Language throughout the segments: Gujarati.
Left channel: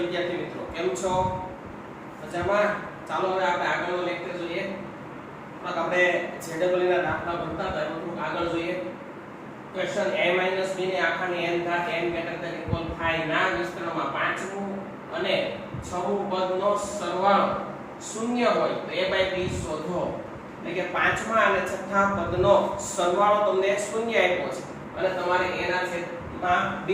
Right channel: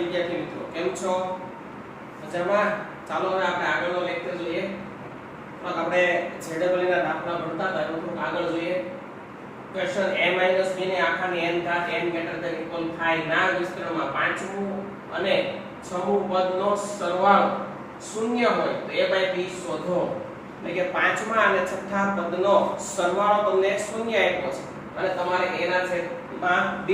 વિદ્યાર્થી મિત્રો, કેમ છો? મજામાં? ચાલો હવે આપણે આગળનો લેક્ચર જોઈએ. આપણે ZEE ના દાખલા ભણતા હતા એમાં થોડુંક આગળ જોઈએ. ક્વેશ્ચન a - b ને આખાની n ઘાત n ગ્રેટર ધેન ઇક્વલ 5 ના વિસ્તરણમાં પાંચમું અને છઠ્ઠું પદનો સરવાળો શૂન્ય હોય તો a/b શોધો. એટલે કે પાંચમા અને છઠ્ઠા પદનો સરવાળો તમને શૂન્ય આપ્યો છે અને તમારે a ના છેદમાં b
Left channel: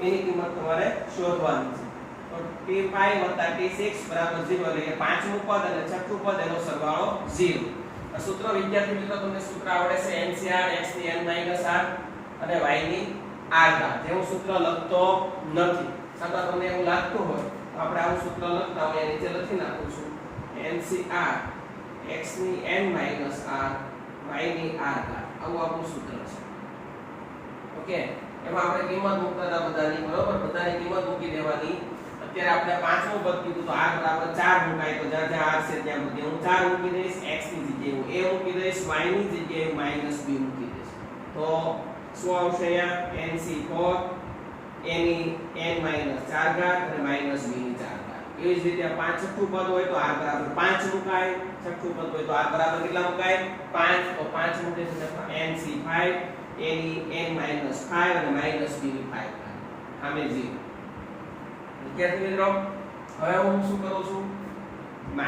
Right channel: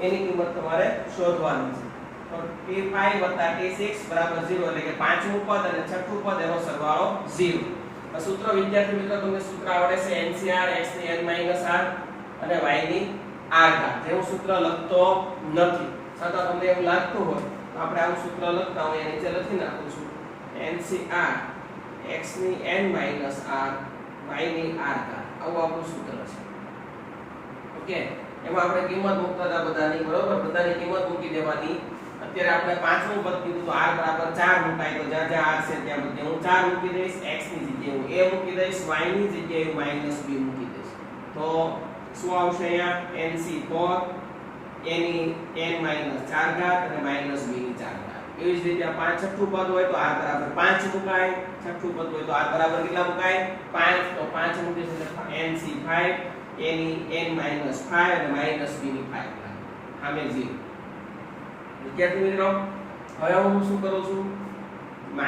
એની કિંમત તમારે શોધવાની છે. તો t5 + t6 = 0 એટલે કે પાંચમું પદ અને છઠ્ઠું પદ એનો સરવાળો 0. આ સૂત્ર વિદ્યાર્થી મિત્રો તમને સૂત્ર આવડે છે NCR x ની n - r અને y ની r ઘાત. જેવું સૂત્ર લખતો નથી, છતાં તમને એવું લાગતું હોય તો આપણે આવું સૂત્ર લખતા હોય નીચે લખી નાખું છું NCR x ની n - r y ની r ઘાત. આવું આપણું સૂત્ર છે. ઓકે, એમાં આપણે કિંમત મૂકતા હતા બધાની, બરોબર? બધાની કિંમત મૂકી દેવાની. અત્યારે આપણે પાંચમું પદ કીધું તો r = 4 મુકાય તો જ્યાં જ્યાં r છે ત્યાં બધે હું 4 મૂકી દઈશ, x ની જગ્યાએ હું a મૂકી દઈશ, y ની જગ્યાએ હું -b મૂકી દઈશ. તો શું આવશે અહીંયા? NC4 a ની n - 4 ઘાત અને -b ની 4 ઘાત. એવી જ રીતે આ પાંચ છઠ્ઠું પદ હોય તો r = 5 મુકાય, છઠ્ઠું પદ હોય તો r = કેટલા મુકાય? 5. તો 5 મૂકીશું એટલે NC5 a ની n - 5 અને -b ની 5 ઘાત. આમે 0. વિદ્યાર્થી મિત્રો, હવે હું શું કરું છું? -b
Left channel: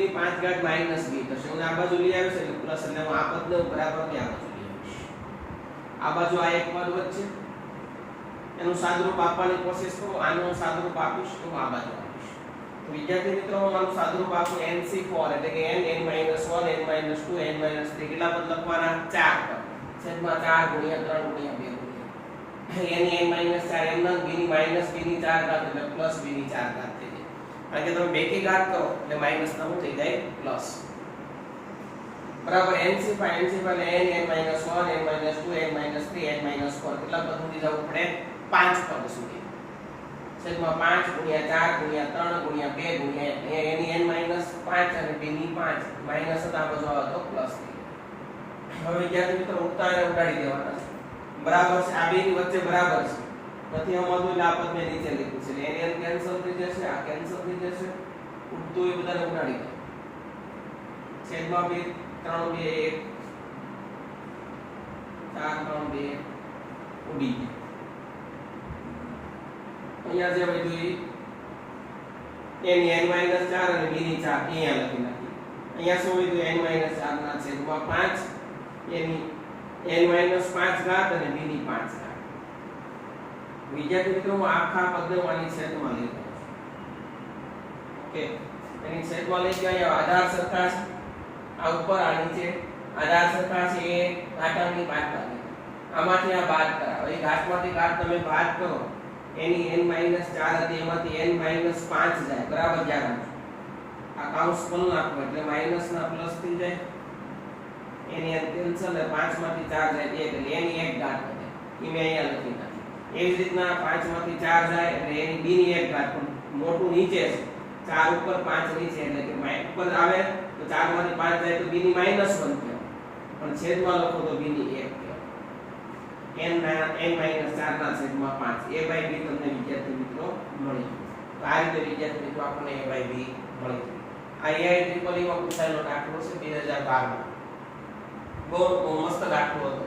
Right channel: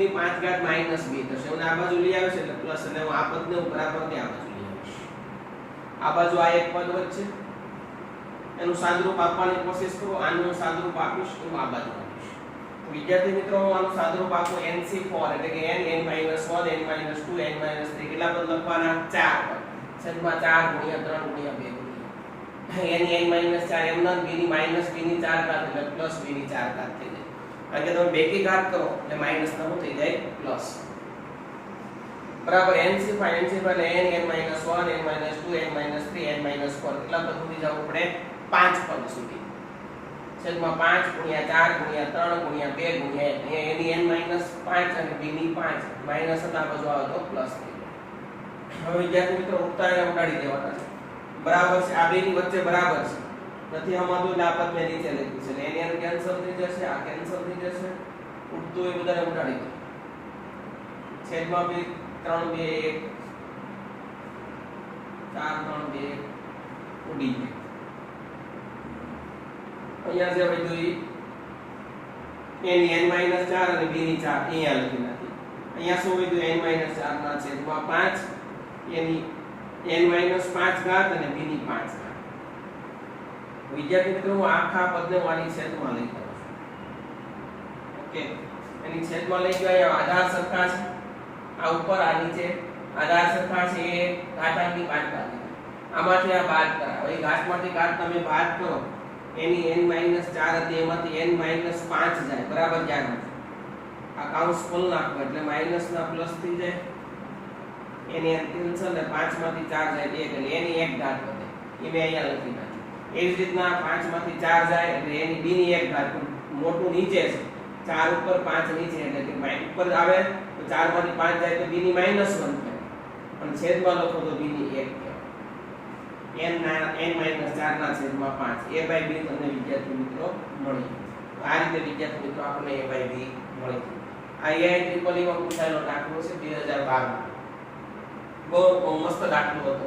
ની 5 ઘાત -b થશે. હું આ બાજુ લઈ આવ્યો છે એટલે પ્લસ, એટલે હું આ પદને હું બરાબર ને આ બાજુ લઈ આવીશ. આ બાજુ આ એક પદ વચ્ચે એનું સાદુરૂપ આપવાની કોશિશ કરું. આનું હું સાદુરૂપ આપીશ તો આ બાજુ આપીશ. તો વિદ્યાર્થી મિત્રો, હું આનું સાદુરૂપ આપું NC4 એટલે કે n n - 1 n - 2 n - 3 કેટલા પદ લખવાના? 4 પદ. છેદમાં 4 × 3 × 2 n n - 4 એમના b ની -b ની 4 ઘાત એટલે +b ની 4 ઘાત થઈ જાય. કારણ કે તમે બેકી ઘાત કરો એટલે માઈનસ ના થઈ જાય પ્લસ. બરાબર. NC5 એટલે n n - 1 n - 2 n - 3 n - 4 કેટલા પદ સુધી જવું પડે? 5 પદ સુધી. છેદમાં 5 × 4 × 3 × 2 × 1. અહીંયા એની n - 5 અને b ની 5 માઈનસ હતા બાજુ આવે તો પ્લસ થઈ જાય. હવે વિદ્યાર્થી મિત્રો, ઉડતા એને ઉડાડી દેવાના છે. બરાબર છે, આ બે ની વચ્ચે બરાબર છે. નથી સમજવું એટલે આ પદ મેં નીચે લખ્યું છે. એટલે n કેન્સલ થઈ જશે, આ કેન્સલ થઈ જશે. ઉડતું એ બધાને ઉડાડી દો. છેદમાં 2 3 2 1 4 3 2 ઉડી ગયું. અહીંયા જે બધું એની n - 4 અને b ની 4 અહીંયા લખી નાખી. અહીંયા શું વધ્યું? n - 4 ના છેદમાં 5 એની n - 5 ઘાત અને b ની 5 ઘાત. વિદ્યાર્થી મિત્રો, હું આખા પદને આની છેદમાં લઈ જાઉં છું. ઓકે, એની છેદમાં લઈ ગયો. અહીંયા આધાર સરખા છે, આ ઉપર આ નીચે આધાર સરખા છે. એ ઘાતાંકની બાદ બાદ આમાંથી આ બાદ કરાવો. એ ઘાતમાંથી ઘાત તમે બાદ કરો. એની n - 4 હતી એમાંથી n - 5 જાય. બરાબર? ધ્યાન આપજો. આ કાઉન્સ ખોલ નાખો એટલે માઈનસ ના પ્લસ થઈ જાય. એની કેન્સલ અને 5 માંથી 4 જાય એટલે એની 1 ઘાત વધે. એ મેં અહીંયા લખી નાખ્યું. એવી જ રીતના 5 માંથી 4 જાય એટલે એની b ની 1 ઘાત. મોટું નીચે છે, 4 ઉપર 5 નીચે એટલે કે ઉપર આવે તો 4 માંથી 5 જાય તો b ની -1 કહેવાય. અને છેદમાં લખો તો b ની 1 કહેવાય. n - 4 ના છેદમાં 5 a/b તમને વિદ્યાર્થી મિત્રો મળી ગયું. તો આ રીતે વિદ્યાર્થી મિત્રો આપણને a/b મળી ગયું. આ AIEEE માં પૂછાયેલો દાખલો છે 2012 માં. બહુ મસ્ત દાખલો હતો.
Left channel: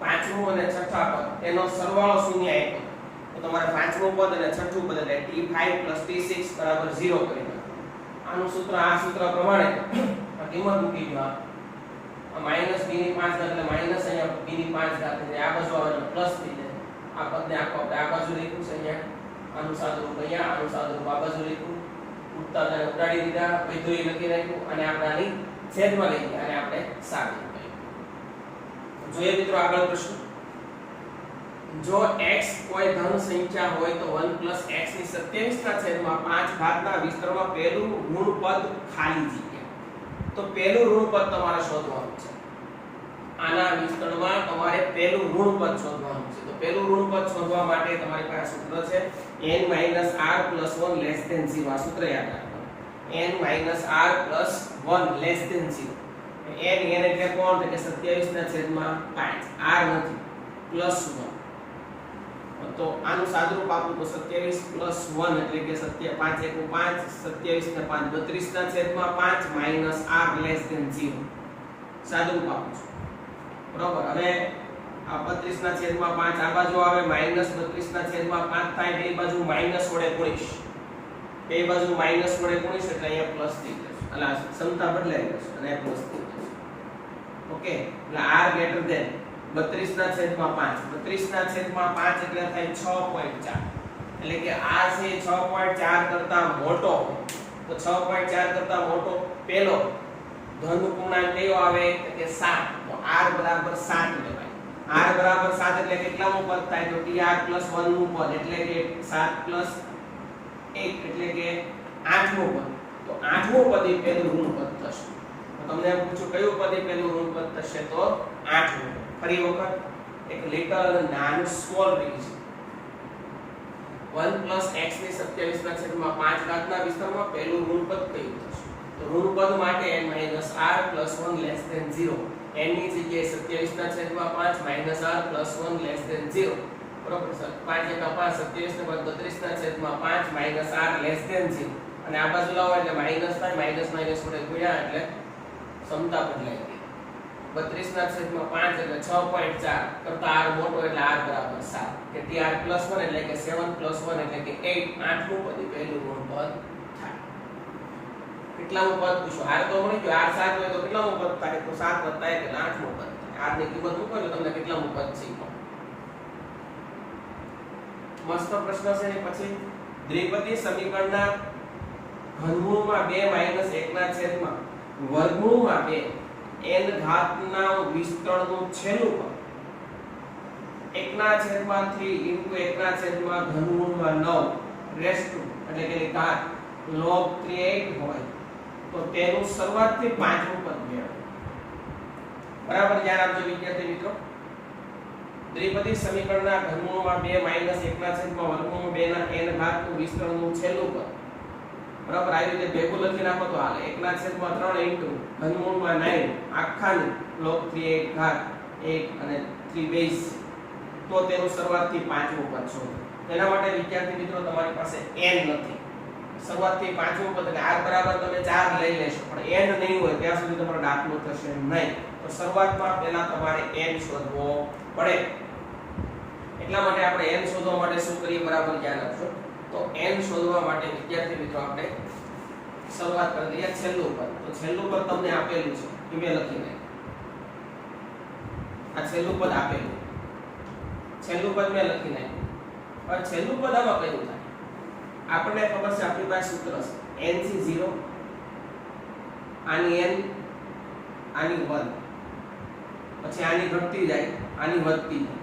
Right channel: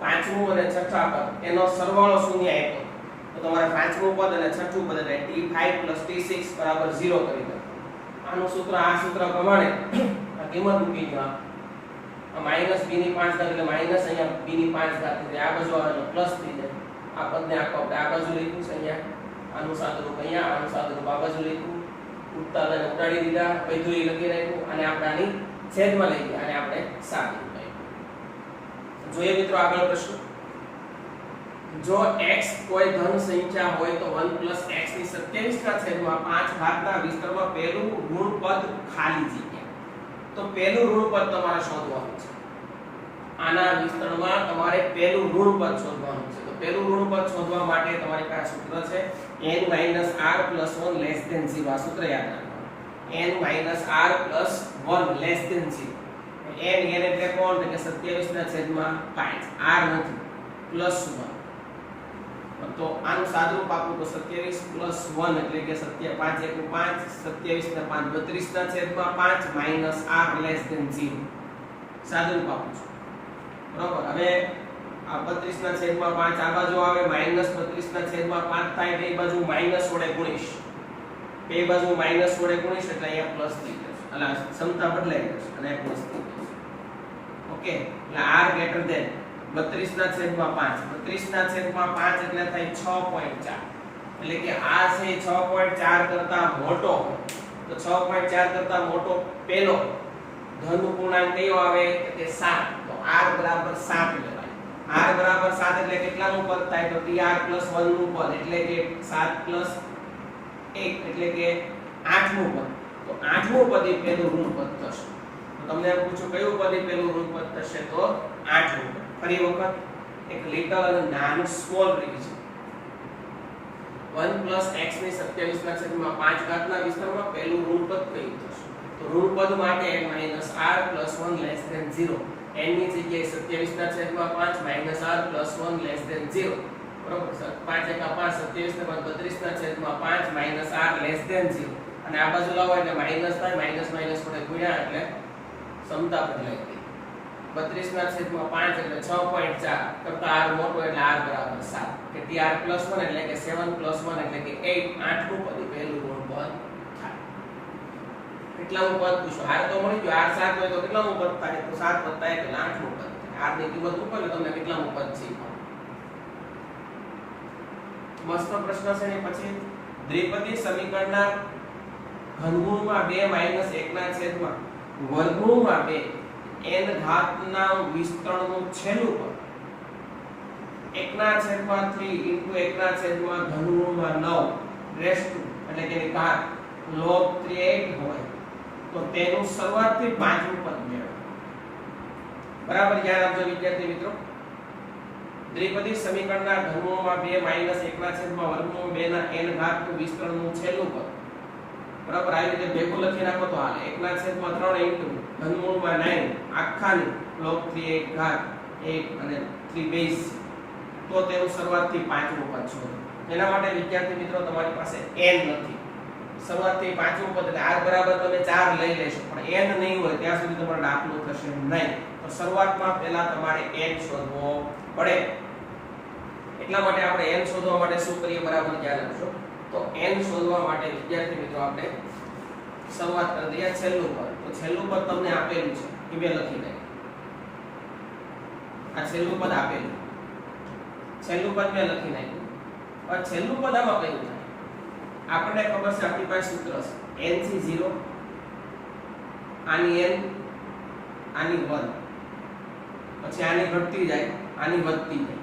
પાંચમું અને છઠ્ઠા પદ એનો સરવાળો શૂન્ય આપ્યો તો તમારે પાંચમું પદ અને છઠ્ઠું પદ એટલે t5 + t6 = 0 કરી નાખો. આનું સૂત્ર આ સૂત્ર પ્રમાણે આ કિંમત મૂકી દો. આ -b ની 5 ઘાત એટલે માઈનસ અહીંયા b ની 5 ઘાત એટલે આ બાજુ આવે તો પ્લસ થઈ જાય. આ પદને આખો આપણે આ બાજુ લખ્યું છે અહીંયા. આનું સાદુરૂપ અહીંયા, આનું સાદુરૂપ આ બાજુ લખ્યું. ઉડતા તેને ઉડાડી દીધા, બધું લખી રાખ્યું અને આપણે આની છેદમાં લઈ ગયા અને આપણે સાબિત જોઈએ. મિત્રો આગળ પ્રશ્ન. જો x કોઈ ધન સંખ્યા હોય તો 1 + x ની 27 ના છેદમાં 5 ઘાતના વિસ્તરણમાં પહેલું ઋણ પદ ખાલી જગ્યા. તો પહેલું ઋણ પદ તમારે શોધવાનું છે. આના વિસ્તરણમાં તમારે પહેલું ઋણ પદ શોધવાનું છે. તો પહેલું ઋણ પદ શોધવા માટે તમારી પાસે સૂત્ર છે n - r + 1 < 0. આ સૂત્ર યાદ રાખવાનું. n - r + 1 < 0. n એટલે કોણ? કે 27 ના છેદમાં 5. r નથી, +1. તો આનું સાદુરૂપ આપું તો 27 + 1 એટલે કે 5 × 5 27 ને 5 32 ના છેદમાં 5 માઈનસ r લેસ ધેન 0 સાદુરૂપ આપું છું બરાબર। હવે આ 32 ના છેદમાં 5 આ બાજુ આવે માઈનસ 32 ના છેદમાં 5 થાય બે બાજુ માઈનસ વડે ગુણીશ બે બાજુ માઈનસ વડે ગુણીશ એટલે અહીંયા પ્લસ થઈ જશે એટલે ક્ષમતા બદલાઈ જશે અને આ પ્લસ થઈ જશે ઓકે। એટલે r ગ્રેટર ધેન 32 ના છેદમાં 5 32 ના છેદમાં 5 એટલે થાય 6.4 એટલે કે આ છે 6.4 કરતા મોટો હોય તો 6.4 કરતા મોટો પેલો ધન પૂર્ણાંક કયો આવે કે 7 તો r બરાબર 7 લેવાય r બરાબર 7 એટલે કેટલામું પદ થાય તો tr + 1 નું પદ એટલે કે 7 + 1 એટલે કે 8મું પદ તો 8મું પદ એ પેલું ઋણ પદ થશે તો તમને પૂછું કયું પદ એ પેલું ઋણ પદ થશે તો 8મું પદ। ફરી વખત એક લિટલ અને નાનું સ્મોલ રિવિઝન 1 + x ની 27 ના છેદમાં 5 ઘાતના વિસ્તારમાં પહેલું ઋણ પદ કયું થશે તો ઋણ પદ માટે n - r + 1 less than 0 n ની જગ્યાએ 27 ના છેદમાં 5 - r + 1 લેસ ધેન 0 બરોબર સર 5 × 5 27 ને 32 ના છેદમાં 5 - r લેસ ધેન 0 અને આ બાજુ લાવો એટલે માઈનસ થાય માઈનસ વડે ગુણ્યા એટલે ક્ષમતા બદલાઈ ગઈ 32 ના છેદમાં 5 એટલે 6.4 કરતા r મોટો એટલે r બરાબર 7 કે tr + 1 એટલે કે 7 + 1 એટલે કે 8 8મું પદ પહેલું ઋણ પદ થાય। કેટલામું પદ પૂછો r તો મળી ગયો r 7 હોય તો કેટલામું પદ થાય તો 7 + 1 એટલે 8મું પદ થાય। r ની કિંમત મૂકો એટલે તમને કેટલામું પદ છે મસ્ત પ્રશ્ન છે ને પછી દ્વિપદી સમીકરણના ઘનમૂળમાં 2 - 1 ના છેદમાં વર્ગમૂળમાં 2 n ઘાતના વિસ્તરણનું છેલ્લું પદ 1/3 * 1/3 ઘનમૂળમાં 9 રેસ ટુ એટલે કે ઘાત log 38 હોય તો તેનું શરૂઆતથી 5મું પદ મેળવો બરાબર। ધ્યાન આપજો વિદ્યાર્થી મિત્રો દ્વિપદી સમીકરણના ઘનમૂળમાં 2 - 1/3 વર્ગમૂળ 2 ના n ઘાતનું વિસ્તરણનું છેલ્લું પદ બરાબર આવી રીતે ભેગું લખી નાખો તો હાલે 1/3 * ઘનમૂળમાં 9 આખાની log 38 ઘાત 1 અને 3 બેઝ તો તેનું શરૂઆતથી 5મું પદ શોધો। તેના માટે વિદ્યાર્થી મિત્રો તમારી પાસે n નથી શરૂઆતથી 5મું પદ એટલે r બરાબર તમે 4 લઈ લેશો પણ n નહીં હોય ત્યાં સુધી તમારો દાખલો થશે નહીં તો શરૂઆતમાં પહેલા તમારે n શોધવો પડે એટલા માટે આપણે n શોધવા માટે શું કરીએ બરાબર ધ્યાન રાખજો તો n શોધવા માટે વિદ્યાર્થી મિત્રો આપણે શરૂઆત કરી દઈએ છેલ્લું પદ તો છેલ્લું પદ તમને આપેલું છે એ મેં લખી નાખ્યું આ છેલ્લું પદ આપેલું છેલ્લું પદ મેં લખી નાખ્યું હવે છેલ્લું પદ આમાં કયું થાય આપણને ખબર છે આપણી પાસે સૂત્ર છે n થી 0 આની n આની 1 પછી આની ઘટતી જાય આની વધતી જાય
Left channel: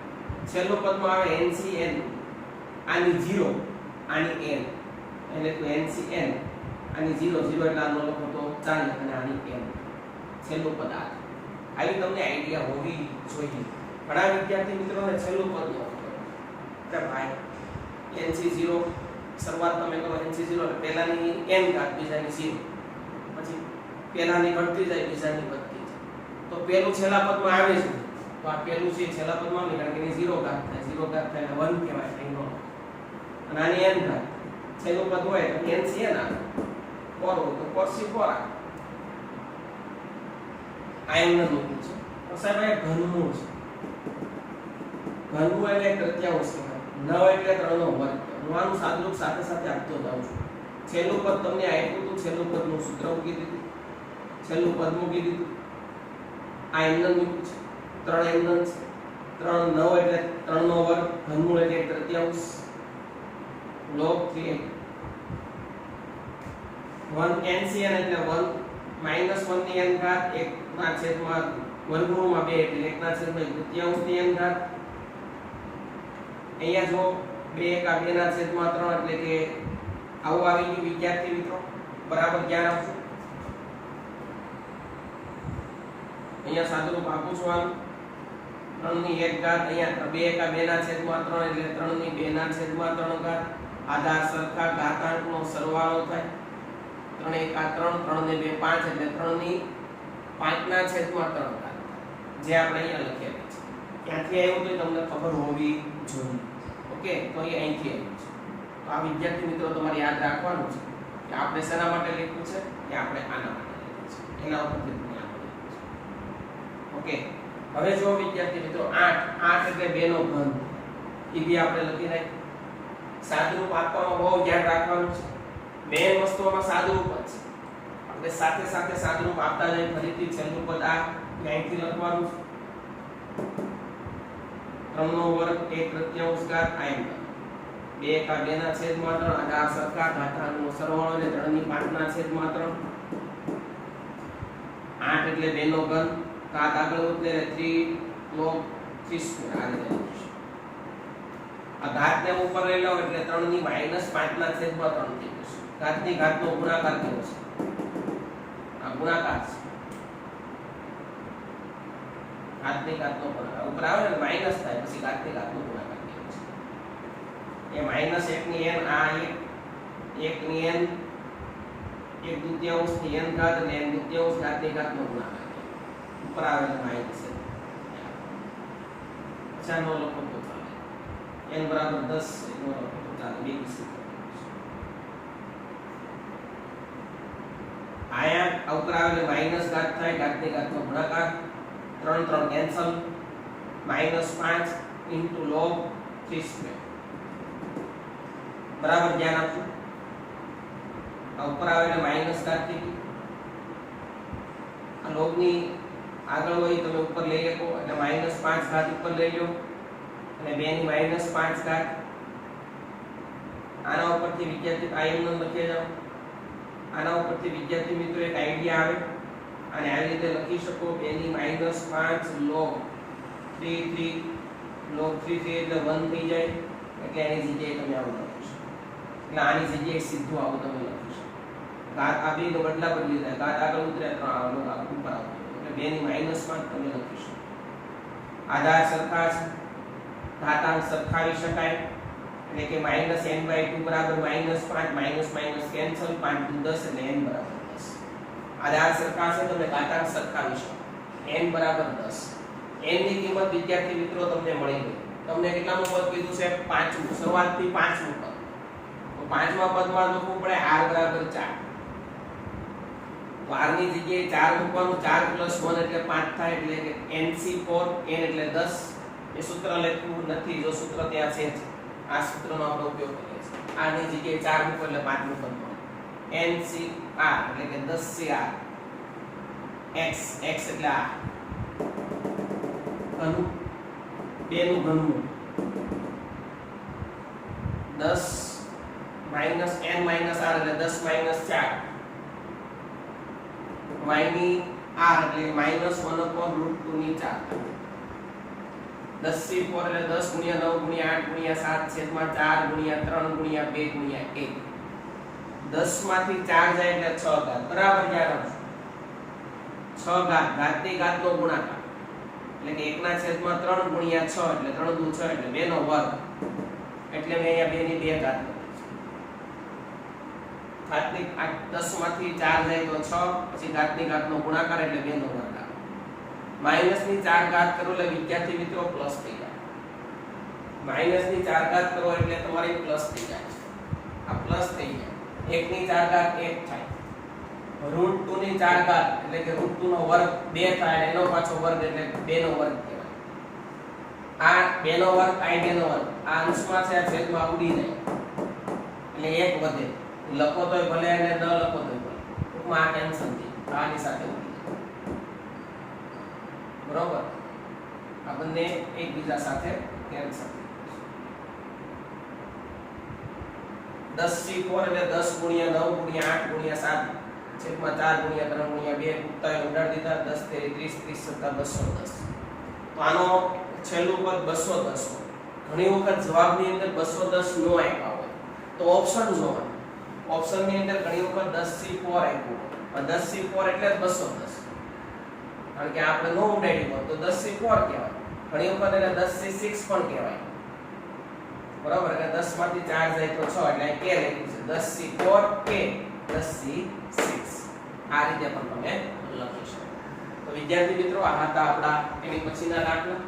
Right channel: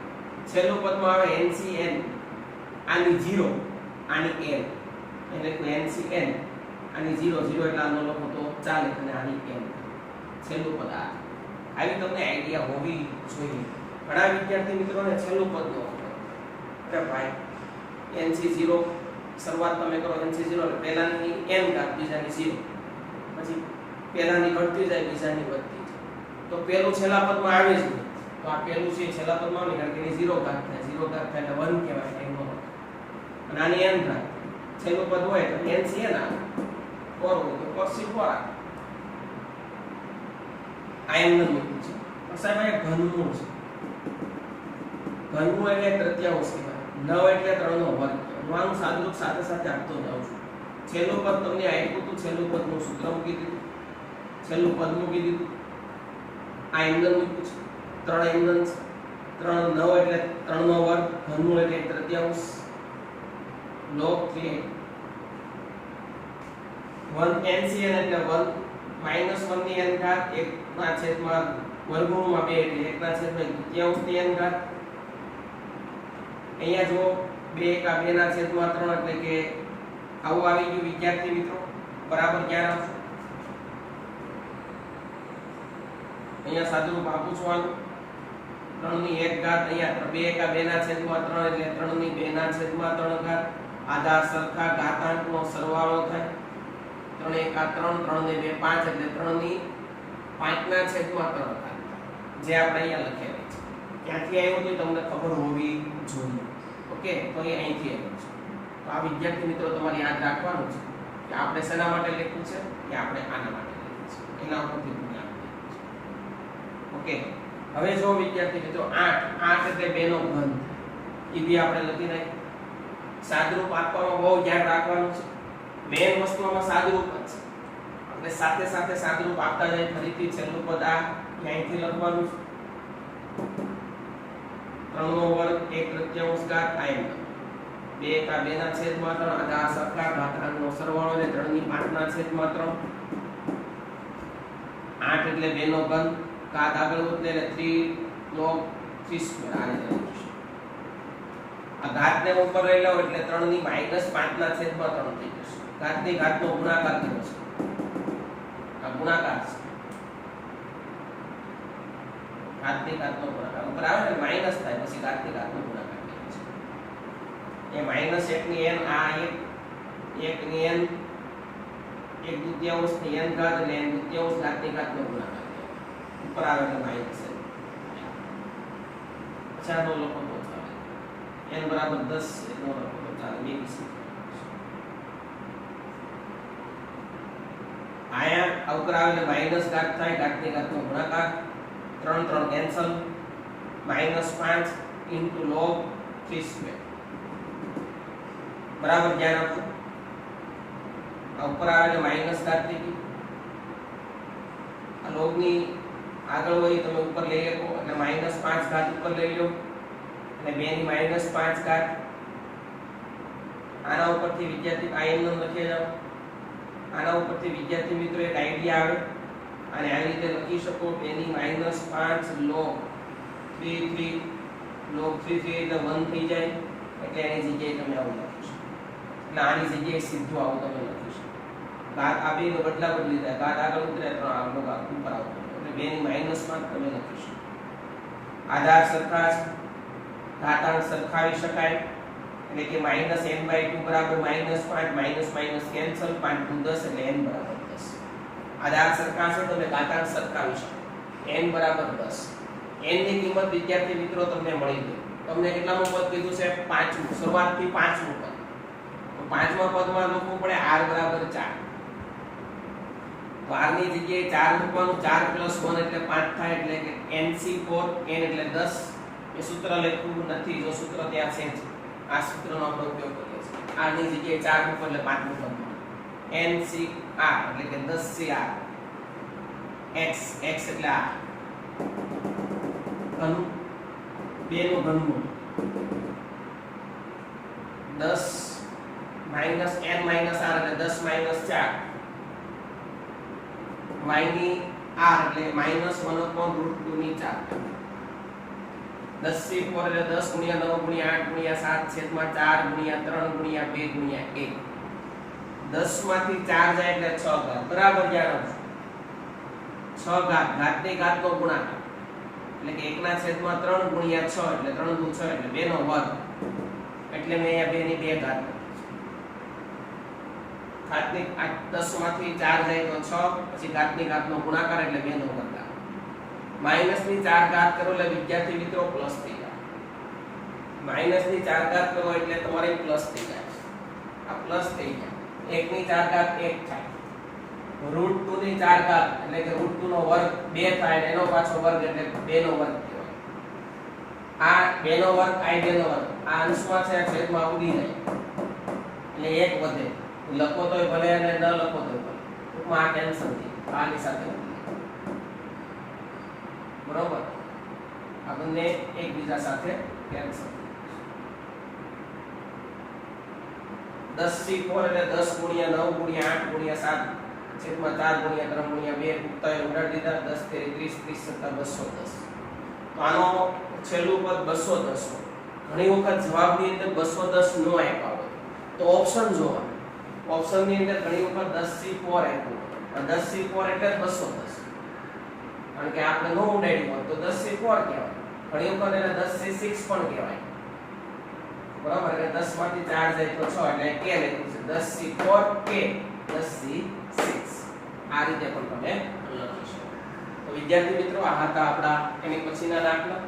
છેલ્લું પદમાં આવે n થી n આની 0 આની n એટલે n થી n આની 0 0 એટલે આનો લખો તો ચાલે અને આની n છેલ્લું પદ આવી તમને આઈડિયા હોવી જોઈએ ઘણા વિદ્યાર્થી મિત્રોને છેલ્લું પદ નો અરે ભાઈ n થી 0 શરૂઆત તમે કરો n થી 0 એટલે પહેલાની n ઘાત બીજાની 0 પછી પહેલાની ઘટતી જાય બીજાની વધતી જાય તો પહેલું છેલ્લા પદમાં આવે છે તો આ પહેલું છે છેલ્લા પદમાં આવે કારણ કે એની 0 ઘાત થાય 0 ઘાત થાય એટલે 1 કહેવાય એટલે એનો અને આની n ઘાત છેલ્લું પદ હોય તો n થી n આવે 4 હોય તો cos 4 આવે આ એમને મૂક્યું છે પણ સાહેબ આ ઘનમૂળ છે ઘનમૂળ એટલે તૃતીયાંશ છે 9 એટલે 3 નો વર્ગ હું આનું સાદુરૂપ સાથે સાથે આપતો જાઉં છું છેલ્લું પદ તમને આપ્યું હતું છેલ્લું પદનું સૂત્ર મૂકી દીધું છેલ્લું પદ મૂકી દીધું આ એમન મૂક્યું છે 3 એમન 3 9 એટલે 3 નો વર્ગ ઘનમૂળ એટલે તૃતીયાંશ log 3 1 NCN એટલે 1 -1 ની n ઘાત 1 ના છેદમાં વર્ગમૂળમાં 2 એટલે 1 ના છેદમાં તૃતીયાંશ ની n ઘાત અહીંયા જો 2 કા 2 ના છેદમાં 3 એટલે કે આવું આવી ગયું વિદ્યાર્થી મિત્રો બરાબર ધ્યાન આપજો અહીંયા સાદુરૂપ આપું છું આનું 3 ની 1 ઘાત અહીંયા 2 કા 2 ના છેદમાં 3 એટલે 3 ની 2 ના છેદમાં 3 ઘાત આધાર સરખા ઘાતાંકનો સરવાળો થાય 3 1 3 3 ને 2 5 એટલે 3 ની 5 ના છેદમાં 3 ઘાત જે આપણે અહીંયા લખેલી છે ક્યાંથી આવ્યું તો તમને ખબર હોવી જોઈએ ઓકે, તો એ અહીંથી આવ્યું છે. તો આ વિદ્યાર્થી મિત્રો તમારે યાદ રાખવાનું છે કે આપણે શેના માટે લખ્યું છે કે આપણે આના માટે લખ્યું છે, એના ઉપરથી તમે આપણે ઓકે. હવે જો વિદ્યાર્થી મિત્રો 8 એટલે 2 નો ઘન, એ બી આપણે લખી નાખીએ. સાદુરૂપ આપવામાં બહુ ધ્યાન રાખવાનું છે. મેઈન વસ્તુમાં સાદુરૂપ જ છે. આપણે સાથે સાથે સાદુરૂપ આપતા જઈએ. ફરીથી છેલ્લું પદ આ અહીંથી લખવાનું છે. 3 નો વર્ગ 1/3 ઘાત આ એમ 2 કા 2 ના છેદમાં 3 આ સરખા ઘાતાંકનો સરવાળો ને 3 ની 5 ના છેદમાં 3. 8 એટલે 2 નો ઘન, ઘાત આગળ ઉતરે એટલે 3 log 3² આ રીતે લખીશું. આ ઘાતને ઉપર લઈ લો એટલે 3 ની -5 ના છેદમાં 3 થઈ જશે. ઘાતની ઘાતનો ગુણાકાર કેવો છે? આ ગુણાકાર છે. ઘાતની ઘાતનો ગુણાકાર ઉપર આવે ને માઈનસ થાય પછી ઘાતની ઘાતનો ગુણાકાર કેવો છે? એ -1 ની n આ 1 ની n 1/2 ની n ઘાત એટલે n/2 ઘાતની ઘાતનો ગુણાકાર ઉપર આવે એટલે માઈનસ છે. અચ્છા નો લખો તો ચાલે. n બરાબર 10 નો લખો તો ચાલે. બીજી આયા ઉપર આવે એટલે માઈનસ ઘાત થાય, ઘાતની ઘાતનો ગુણાકાર. 3 3 કેન્સલ. -5 * log 3² બરાબર ધ્યાન આપજો. આ ઉપર આવે એટલે માઈનસ ઘાત થઈ ગઈ. આ log ની આગળ હોય તમે ઉપર લઈ શકો એટલે -5 ઘાત ઉપર લઈ લો અને 2 ની -5 ઘાત. આના ઉપરથી વિદ્યાર્થી આયન લખી જાઓ. આના ઉપરથી વિદ્યાર્થી મિત્રો એક આઈડિયા આવે અને આ રીતે લખી શકો 2 ની -5 log 3 log 3 એટલે 1 થઈ જાય એટલે એની જગ્યાએ તમે આવું લખી શકો. એટલે આની જગ્યાએ સીધું આવું તમે લખી શકો. ઘાત આ બે નો બદલા બદલી થાય. ઘાત આગળ ઉતરે 3 આગળ ઉપર આવતો એટલે 2 ની -5 તમે લખી શકો. આધાર સરખા છે, ઘાતાંક સરખાવી શકાય એટલે કે -n/2 બરાબર -5 - કેન્સલ 5 * 10 એટલે n બરાબર 10. આધાર સરખા છે તમે ઘાતાંક સરખાવી શકો. n બરાબર 10. n ની કિંમત વિદ્યાર્થી મિત્રો તમને મળી ગઈ. તમને કેટલામું પદ કીધું છે? 5મું. શરૂઆતથી 5મું પદ. તો 5મા પદમાં લખવું પડે r બરાબર 4. તો r ની જગ્યાએ 4 મૂકવાનું. 4 + 1 એટલે 5 થાય એટલે કે nc4 n એટલે 10. એ સૂત્ર લખ્યું નથી, જો સૂત્ર ત્યાં છે આ સૂત્રનો આપણે ઉપયોગ કરીએ છીએ. r ની જગ્યાએ 4 મૂકો એટલે 5મું પદ મળે. ncr એટલે કે 10cr. x એટલે આ ઘન 2 નું ઘનમૂળ 10 - n - r એટલે 10 - 4. y ની r એટલે -1/√2 ની 4. 10c4 એટલે 10 × 9 × 8 × 7 છેદમાં 4 × 3 × 2 × 1. 10 માંથી 4 જાય એટલે 6 ઘાત. બરાબર ધ્યાન આપજો. 6 ઘાત, ઘાતની ઘાતનો ગુણાકાર એટલે કે 1/3 × 6 એટલે 3 × 6 એટલે 2 નો વર્ગ. એટલે મેં અહીંયા 2 ની 2 ઘાત લખી છે. ઘાતની 10 માંથી 4 જાય તો 6 પછી ઘાતની ઘાતનો ગુણાકાર એટલે 2 નો વર્ગ. માઈનસ ની 4 ઘાત કરો એટલે વિદ્યાર્થી મિત્રો પ્લસ થઈ જાય. માઈનસ ની 4 ઘાત કરો એટલે તમારી પ્લસ થઈ જાય. આ પ્લસ થઈ ગયા. 1 ની 4 ઘાત 1 થાય. √2 ની 4 ઘાત એટલે કે √2 નો વર્ગ 2 થાય અને એનો પાછો વર્ગ એટલે 2 નો વર્ગ કહેવાય. આ 2 નો વર્ગ આ 2 નો વર્ગ આ અંશમાં છે છેદમાં ઉડી જાય એટલે 1 વધે. લખો તોય ભલે અને ન લખો તોય ભલે. ટૂંકમાં આ કેન્સલ થઈ આની સાથે બરોબર. આ બંને એકબીજા સાથે કેન્સલ. 10c4 એટલે 10 × 9 × 8 × 7 છેદમાં 4 × 3 × 2 ઉત્તર ઉડાડી દીધા. 10 × 30 30 + 210. તો આનો છેલ્લું પદ 210. ઘણી વખત જવાબની અંદર 210 નો આપ્યા હોય તો ઓપ્શન જોવાનું. ઓપ્શનની અંદર ઘણી વખત 10c4 આપ્યું હોય. 10c4 એટલે 210. કારણ કે આપણે નો ઉડાડ્યું હોય તો 10c4 કહેવાય. ઘણી વખત એને 10c6 પણ કહેવાય. બરાબર કે 10 માંથી 4 જાય તો 6 એટલે k લખ્યું છે. 10c4 k 10c6 આ રીતે પણ તમે લખી શકો. તો વિદ્યાર્થી મિત્રો આ હતા આપણા એની પછીના દાખલા.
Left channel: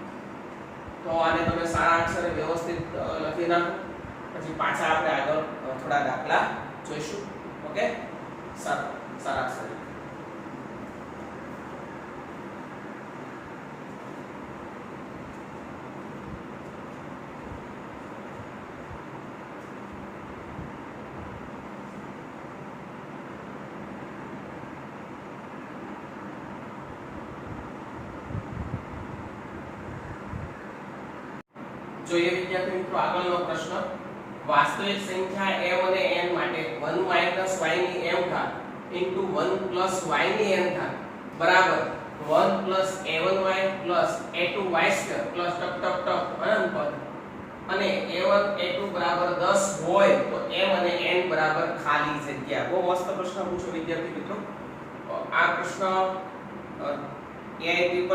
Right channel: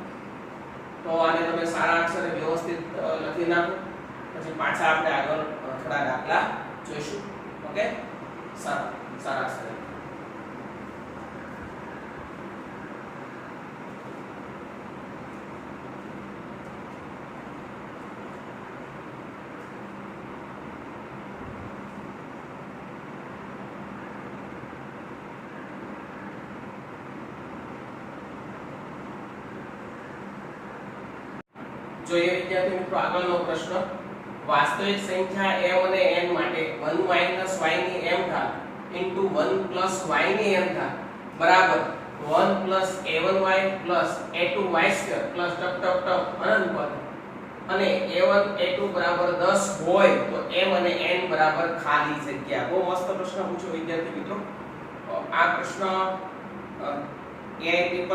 તો આને તમે સારા અક્ષરે વ્યવસ્થિત લખી નાખો, પછી પાછા આપણે આગળ થોડા દાખલા જોઈશું. ઓકે, સારા અક્ષરે. જોઈએ વિદ્યાર્થી મિત્રો આગળનો પ્રશ્ન. વાસ્તવિક સંખ્યા m અને n માટે 1 y ની m ઘાત into 1 y ની m ઘાત બરાબર 1 a1y a2y સ્ક્વેર પ્લસ ટક ટક ટક અનંત પદ અને a1 a2 બરાબર 10 હોય તો m અને n બરાબર ખાલી જગ્યા. બહુ મસ્ત પ્રશ્ન પૂછો વિદ્યાર્થી મિત્રો. આ પ્રશ્ન AIEEE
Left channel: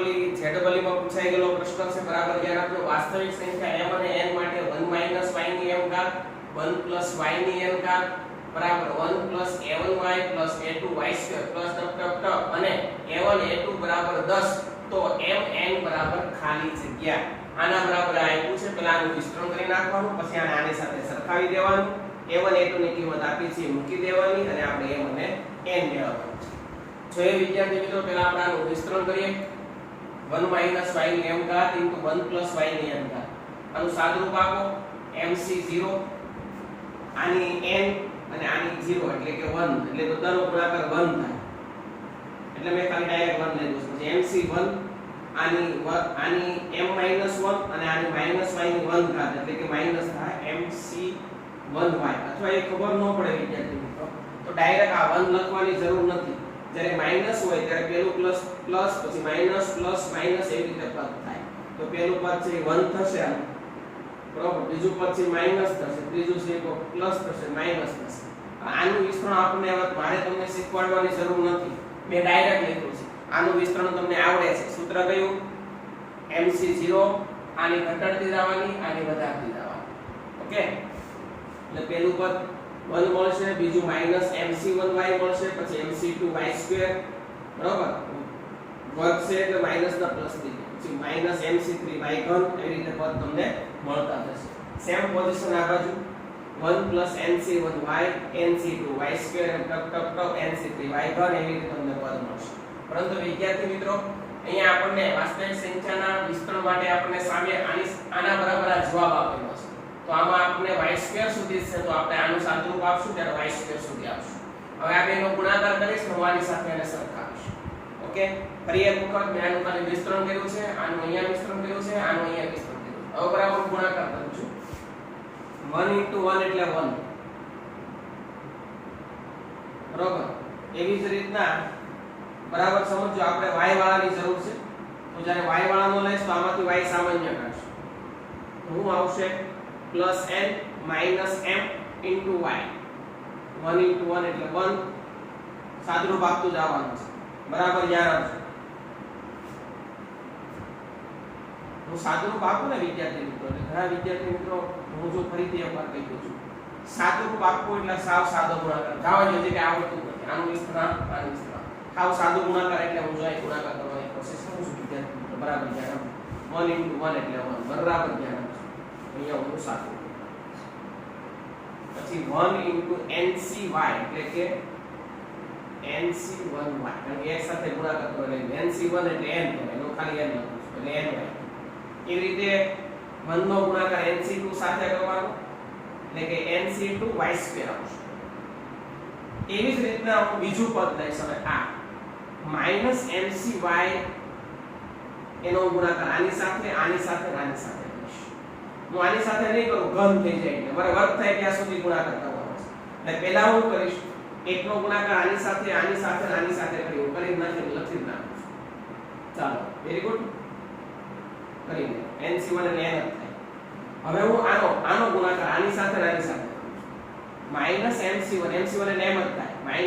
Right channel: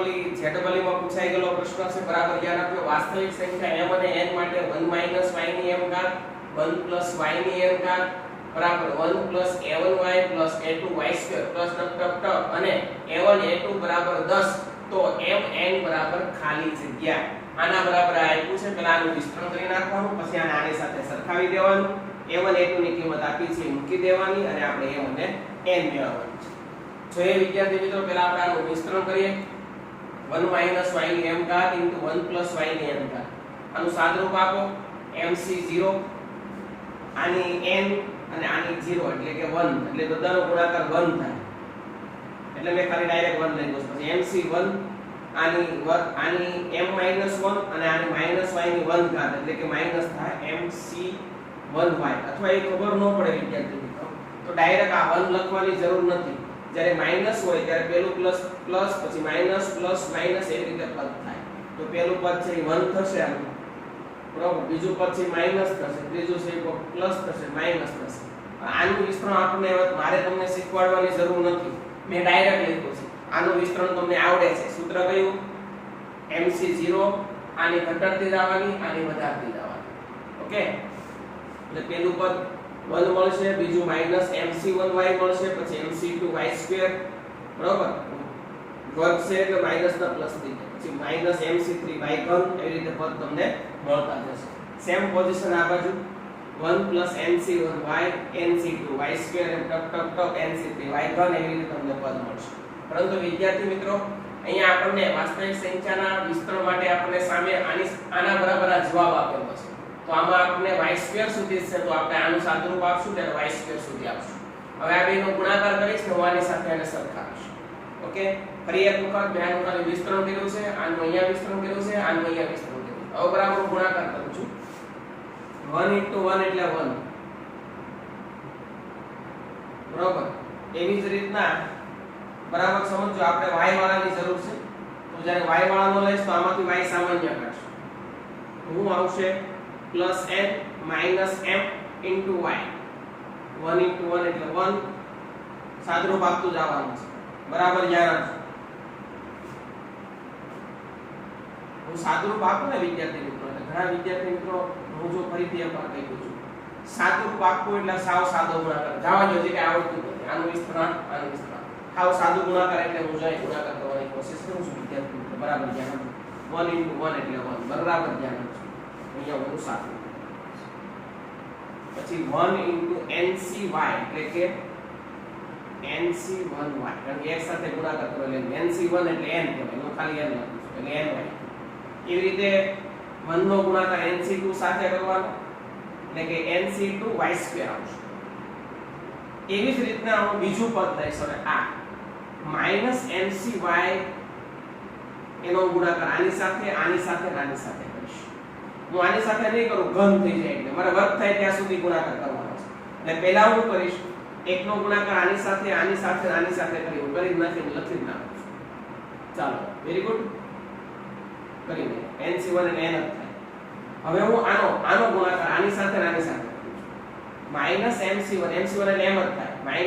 માં પૂછાઈ ગયેલો પ્રશ્ન છે. બરાબર ધ્યાન આપજો. વાસ્તવિક સંખ્યા m અને n માટે 1 y ની m ઘાત 1 y ની m ઘાત બરાબર 1 a1y a2y સ્ક્વેર પ્લસ ટક ટક ટક અને a1 a2 બરાબર 10 તો m n બરાબર ખાલી જગ્યા. આના બરાબર આપ્યું છે. પહેલા આનું વિસ્તરણ કરી નાખવાનું, પછી આને આની સાથે સરખાવી દેવાનું. a1 a2 ની કિંમત આપી છે મૂકી દેવાની અને આપણે m અને n મેળવવાનું છે. જોઈએ વિદ્યાર્થી મિત્રો, પહેલા આપણે આનું વિસ્તરણ કરીએ. 1 y ની m ઘાત into 1 y ની m ઘાત. આનું સાદરૂપ આપો mc0, આની n અને આની 0 એટલે કે 1, એટલે બધાનો ગુણાકાર 1 થાય. એટલે મેં ખાલી ડાયરેક્ટ 1 લઈ દઉં. પછી mc1 આની m -1 અને આની -y ની 1 ઘાત એટલે કે માઈનસ થાય mc1y. અથવા એ ખબર ન પડે વિદ્યાર્થી મિત્રો તો ડાયરેક્ટ આ 1 લખવાની જરૂર નથી. જ્યારે માઈનસ હોય ત્યારે પેલું પ્લસ પ્લસ પછી માઈનસ પ્લસ માઈનસ એવી રીતે પદ થાય. તો પેલું પદ છે 1 થશે આમ બરોબર, બીજું પદ છે માઈનસ થશે, ત્રીજું છે પ્લસ થશે, માઈનસ થશે. આનું વિસ્તરણ આપણને મારે તમને શીખવાડવાની જરૂર નથી, મેં ડાયરેક્ટ લખ્યું છે. આનું વિસ્તરણ તમને આવડે છે. સૂત્ર કયું? mc0 આની ઘટાડતી જવાની, આની વધારતી જવાની. ઓકે, એટલે પેલું પદ 1 મળશે, બીજું mc1y મળશે, પછી mc2y² બરોબર વર્ગ છે એટલે માઈનસ ના પ્લસ થઈ જાય, પછી mc3y3 એવી રીતે પદ તમને મળતા જશે. સેમ પોઝિશન આ બાજુ 1 nc1y nc2y² એમ ટક ટક ટક nc3y3 એવી રીતે તમને પદ મળશે. પરંતુ વિદ્યાર્થી મિત્રો અહીંયા આપણને વાસ્તવિક સંખ્યાના વિસ્તરણ માટે આપણને સામે આના બરાબર આ જવાબ આપેલો છે. તો આમાં આપણે y² સુધી છે તો આપણે આનું સાદુરૂપ આપશું ત્યારે y² સુધી આપશું. હવે આ બેનો ગુણાકાર કરીશ ને હું આની સાથે એને સરખાવીશ. ઓકે, ફરી એક વખત મેં આનું ખાલી વિસ્તરણ કર્યું છે, આનું અહીંયા વિસ્તરણ કર્યું છે, આનું અહીંયા વિસ્તરણ કર્યું છે. હવે બરાબર ગુણાકાર કરું છું. 1 * 1 એટલે 1 બરોબર. એવી જ રીતના બરાબર સમજો આપણે y વાળાની જરૂર છે તો જ્યારે y વાળાનો લઈશ તો આમાંથી y સામાન્ય કાઢશું. હું આવશે +n - m * y 1 * 1 એટલે 1 સાદરૂપ આપતું જવાનું છે. બરાબર યાર, હું સાદરૂપ આપું ને વિદ્યાર્થી મિત્રો એટલે ઘણા વિદ્યાર્થી મિત્રો હું જો ફરીથી એકવાર કહી દઉં છું, સાદરૂપ આપવું એટલે સાવ સાદો ગુણાકાર. જવા જો જે કે આવડતું નથી, આનું વિસ્તરણ આનું વિસ્તરણ સાવ સાદો ગુણાકાર એટલે હું જો ગુણાકાર કરવાની કોશિશ કરું છું વિદ્યાર્થી મિત્રો. બરાબર ધ્યાન આપો. 1 * 1 એટલે 1 બરાબર ધ્યાન આપજો. અહીંયા ઓલું સાદું. પછી 1 * ncy એટલે કે nc1y, કારણ કે એક સાથે ગુણાકાર કરો એટલે nc1 એટલે n કહેવાય, નો ખાલી n લખું છું એટલે ny. એવી રીતે 1 નો ગુણાકાર nc2 સાથે કરવાનો એટલે કે nc2y² આવશે. એવી જ રીતના હું બીજું પદ લઈશ હવે આ -mcy એનો ગુણાકાર આની સાથે આની સાથે આની સાથે કરીશ. હું આની સાથે નહીં કરું, ઘન થઈ જાય એટલે મારે વર્ગ થાય ત્યાં સુધી ગુણાકાર કરવાનો છે. એટલે પહેલા હું કરીશ એકનો ગુણાકાર આની સાથે આની સાથે આની સાથે કરી હું કરી નાખીને લખી જ નાખું છું. ચાલો વેરી ગુડ કરી દે. nc1 એટલે n જ થાય. હવે હું આનો ગુણાકાર આની સાથે આની સાથે કરું છું. -mc1 એટલે m જ થાય. -my * 1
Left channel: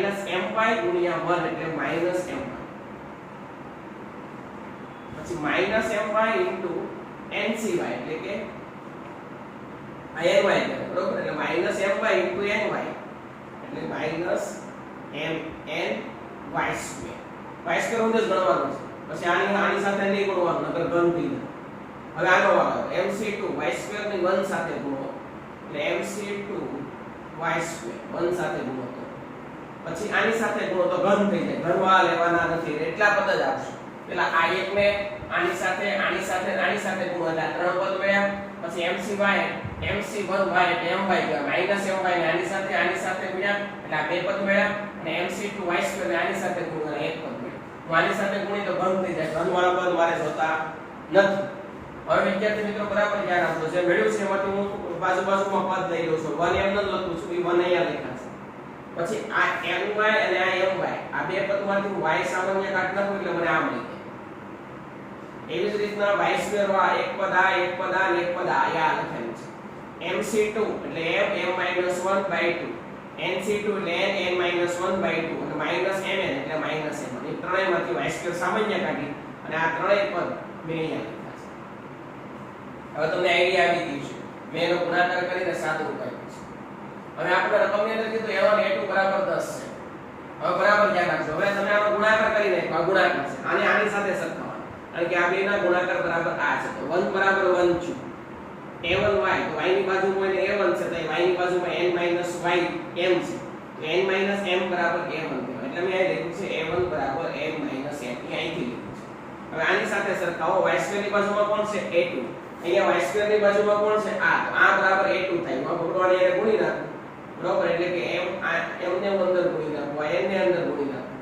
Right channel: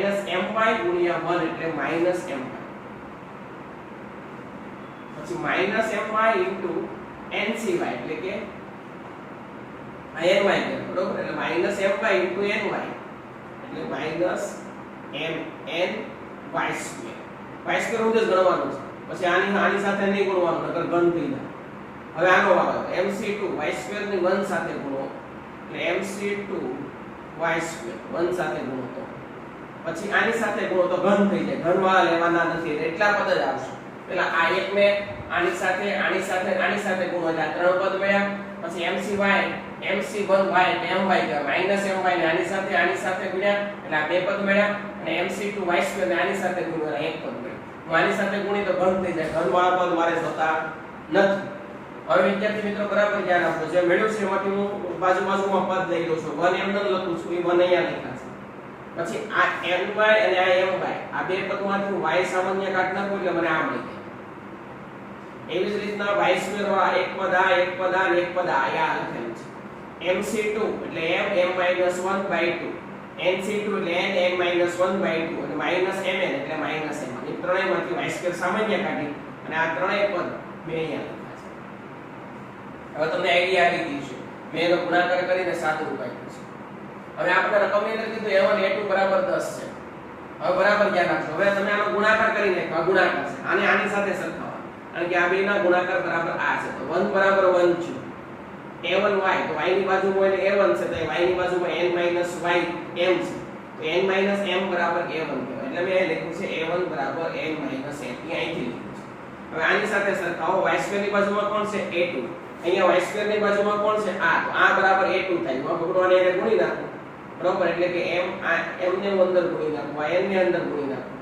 એટલે -my. પછી -my * ncy એટલે કે ny બરોબર, એટલે -my * ny એટલે -mny². y² હું જ ગણવાનું છે. પછી આની સાથે નહીં ગુણવાનું નકર ઘન થઈ જાય. હવે આનો વારો mc2 y2 ની 1 સાથે ગુણો એટલે mc2 y2 1 સાથે ગુણો તો પછી આની સાથે ગુણો તો ઘન થઈ જાય, ઘનવાળા લેવાના નથી એટલા પદ જ આવશે. પેલા આ એક ને આની સાથે આની સાથે આની સાથે ગુણો એટલે આ ત્રણ પદ મળ્યા. પછી mcy mc1y એટલે my કહેવાય માઈનસ my ને આની સાથે ગુણ્યા એટલે આ બે પદ મળ્યા અને mc2y2 ને આની સાથે ગુણ્યા એક પદ મળ્યું. હું આની સાથે ગુણી તો ઘન થઈ જાય, ઘનવાળા પદ મારે જોતા નથી. હવે વિદ્યાર્થી મિત્રો બરાબર ધ્યાન આપજો, જે મળ્યું છે એમાંથી હું બાજુમાં પદ લઈ લઉં છું. 1 એમ ન લખું છું, એ 1 અહીંયા લખ્યા છે. પછી આ my અને આ my આ બે પદમાંથી હું y સામાન્ય કાઢી નાખું એટલે મને આમ લખે. એવી જ રીતના y2 વાળા એક પદ આ એક પદ આ અને એક પદ આ લખેલું છે. mc2 એટલે m(m-1/2) nc2 એટલે n(n-1/2) અને -mn એટલે -m. એ ત્રણેયમાંથી y2 સામાન્ય કાઢી અને આ ત્રણેય પદ મેં અહીંયા લખ્યા છે. હવે તમને આઈડિયા આવી ગઈ છે. મેં એનો ગુણાકાર કરીને સાદુરૂપ આપ્યું છે. હવે આપણે રકમની અંદર કીધું a1 a2 બરાબર 10 છે. હવે બરાબર ધ્યાન રાખજો. હવે તમે આનો ગુણાકાર કરીને આ ગુણાકાર છે. આને આની સાથે સરખાવવાનું. કારણ કે આ બેના ગુણાકાર બરાબર આ છે. તો 1 બરાબર 1 છે. a1y તો y ની બાજુમાં એટલે a1 છે, તો y ની બાજુમાં n y m છે. તો n m બરાબર a1 કહેવાય. એટલે મેં અહીં લખ્યું છે a1 બરાબર n m. એ અહીંથી લખ્યું છે. હવે આની સાથે સરખાવો. y2 ની બાજુમાં કોણ છે a2. અહીંયા y2 ની બાજુમાં કોણ છે આ. તો આ બરાબર a2 થાય. હું પકડવાને એને ગુણી નાખું. બરોબર, એટલે કે m ને અંદર ગુણી નાખું, y ને અંદર ગુણી નાખું.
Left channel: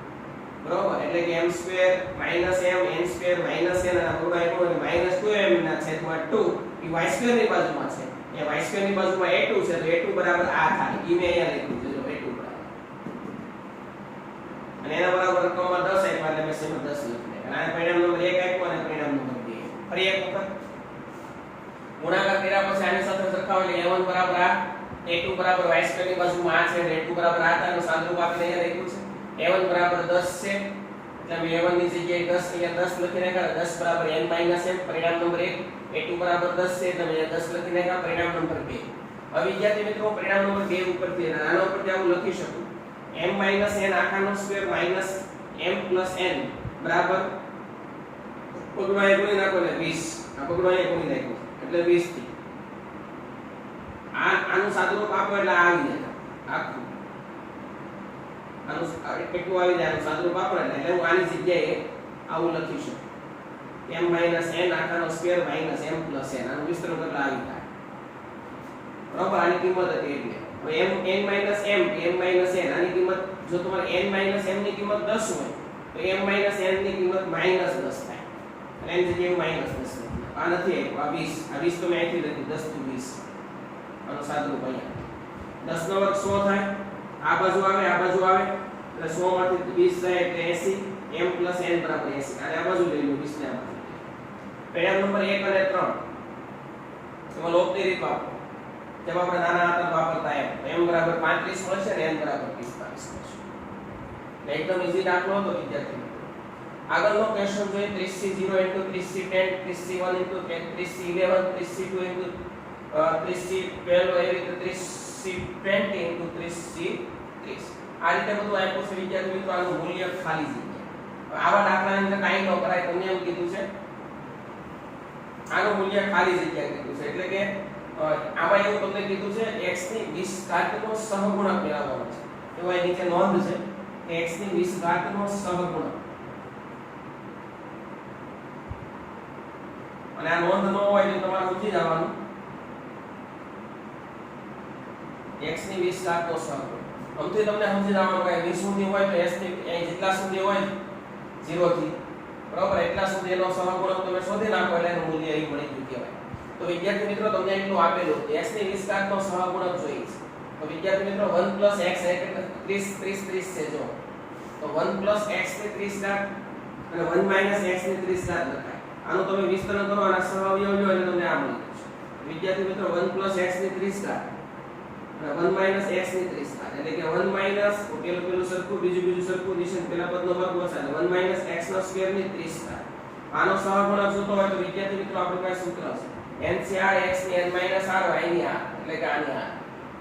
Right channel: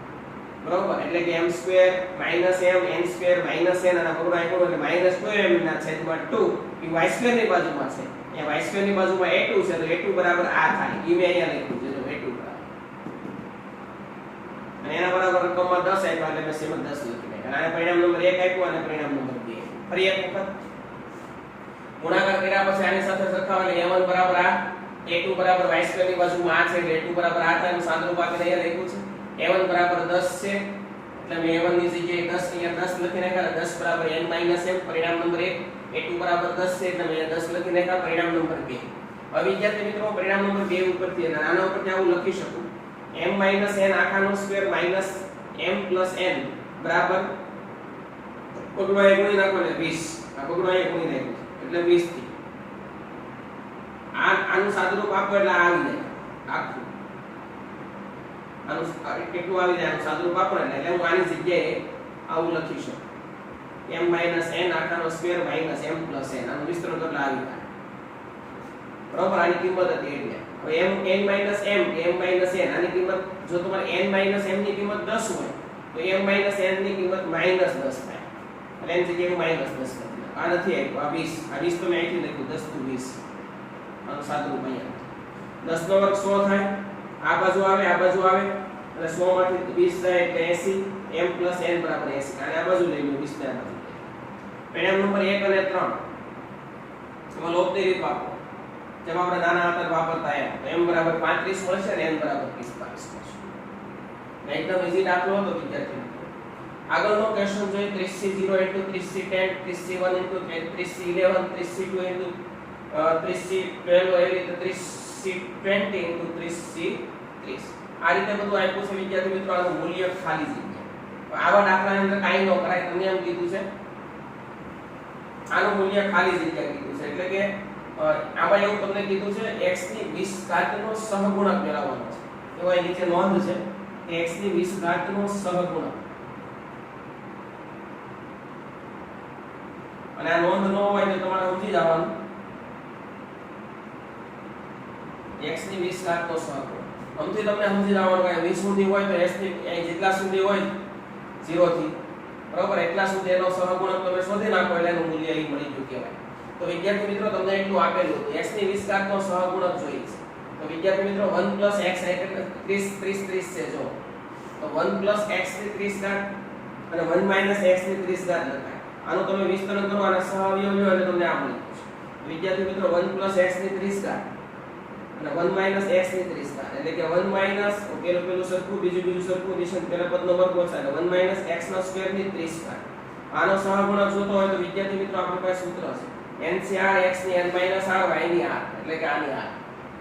બરોબર, એટલે કે m2 - m n2 - n અને પકડો અહીં એટલે -2m ના છેદમાં 2 એ y2 ની બાજુમાં છે. એ y2 ની બાજુમાં a2 છે, તો a2 બરાબર આ થાય. ઈ મેં અહીંયા લખ્યું છે, જો a2 બરાબર. અને એના બરાબર રકમમાં 10 આપ્યા એટલે મેં સેમ 10 લખી નાખ્યા. અને પરિણામ નંબર 1 આપ્યો અને પરિણામ નંબર 2. ફરી એક વખત ગુણાકાર કર્યા પછી આની સાથે સરખાવો એટલે a1 બરાબર આ, a2 બરાબર y2 ની બાજુમાં આ છે, a2 બરાબર આ થાય. સાદુરૂપ આપીને અહીંયા લખ્યું છે a1 બરાબર 10 છે એટલે મેં a1 ની જગ્યાએ 10 અહીંયા 10 લખી નાખ્યા. 10 બરાબર n - m પરિણામ નંબર 1. a2 બરાબર 10 છે એટલે મેં 10 લખી નાખ્યા. પરિણામ નંબર 2. હવે વિદ્યાર્થી મિત્રો પરિણામ નંબર 2 ઉપરથી અને આના ઉપરથી આવું લખી શકું m - n આખાનો સ્ક્વેર માઈનસ m + n બરાબર પગડો અહીં ગુણી નાખો એટલે 20. આ પગડો અહીં ગુણી નાખ્યો એટલે 20 થી આનું સાદુરૂપ આપો એટલે આ આવી જાય આખું. આનું કેટલું આવી જાય આનું સાદુરૂપ આપો એટલે હું આની જગ્યાએ આવું લખી શકું m - n આખાનો સ્ક્વેર માઈનસ m + n. આનું વિસ્તરણ એટલે આવી જાય. બરોબર, આની કિંમત હતી એટલે. હવે m n - m કે m - n આની કિંમત જો તમારે n - m ની કિંમત 10 હોય તો m - n ની કિંમત -10 થાય. એટલે એની જગ્યાએ હું -10 લખું. આ નથી આપ્યું, આ 20. આ 20 તો મેં અહીંથી લખ્યું 10 to 20. આનું સાદુરૂપ અહીંયા 10 નો વર્ગ 100 થાય. આ બાજુ આવે આ બાજુ આવે એટલે 100 માંથી 20 થાય એટલે 80. m + n બરાબર 80. અને આ બાજુ લઈ લો 20 ને આ બાજુ. પરિણામ નંબર 1 અને 3 એમાં લોપની રીત વાપરો. જેમ આપણે નાના હતા વાપરતા એમ બરાબર 35 મળશે અને n બરાબર 45 મળશે. એકદમ ઈઝી દાખલો હતો વિદ્યાર્થી મિત્રો. આગળનો ક્વેશ્ચન જોઈએ 30C0 * 30C10 30C1 * 30C11 30C2 * 30C12 એવી રીતે 30C20 * 30C30. આ રીતે બધું આપ્યું છે વિદ્યાર્થી મિત્રો. આનું મૂલ્ય ખાલી જગ્યા. આવા દાખલાની અંદર કાઈ ન કરાય. તમને એમ કીધું છે આનું મૂલ્ય ખાલી જગ્યા કીધું છે. એટલે કે આમાં એવું તમને કીધું છે x ની 20 ઘાતનો સહગુણક મેળવવાનો છે. એવો અહીં નીચે નોંધ છે કે x ની 20 ઘાતનો સહગુણક. અને આ નોંધ ન હોય તો તમારે સમજી જવાનું x ની 20 ઘાતનો સહગુણક. આમથી તમને સમજી જવાનું કે 20 સુધી હોય તો s ની જેટલા સુધી હોય 0 થી બરાબર એટલા સુધી એનો સહગુણક તમે શોધી નાખો એટલે એનું મૂલ્ય અહીં મળી ગયું કહેવાય. તો વિદ્યાર્થી મિત્રો તમને એટલું આપેલું x ની 20 ઘાતનો સહગુણક જોઈએ છે. તો વિદ્યાર્થી મિત્રો 1 + x એટલે 30 30 છે જો. તો 1 + x ની 30 ઘાત અને 1 - x ની 30 ઘાત લખાય. આનું તમે વિસ્તરણ કરો અને સહઅવયવ લો એટલે તમને આ મળે છે. વિદ્યાર્થી મિત્રો 1 + x ની 30 ઘાત અને 1 - x ની 30 ઘાત એટલે કે 1 - પેલું સરખું બીજું સરખું નિશાન પેલા પદનો વર્ગ ઓછા એટલે 1 - x² ની 30 ઘાત. આનો સહગુણક જોતો હોય તો વિદ્યાર્થી મિત્રો આપણી પાસે સૂત્ર છે NCR x ની n - r y ની r એટલે કે આની r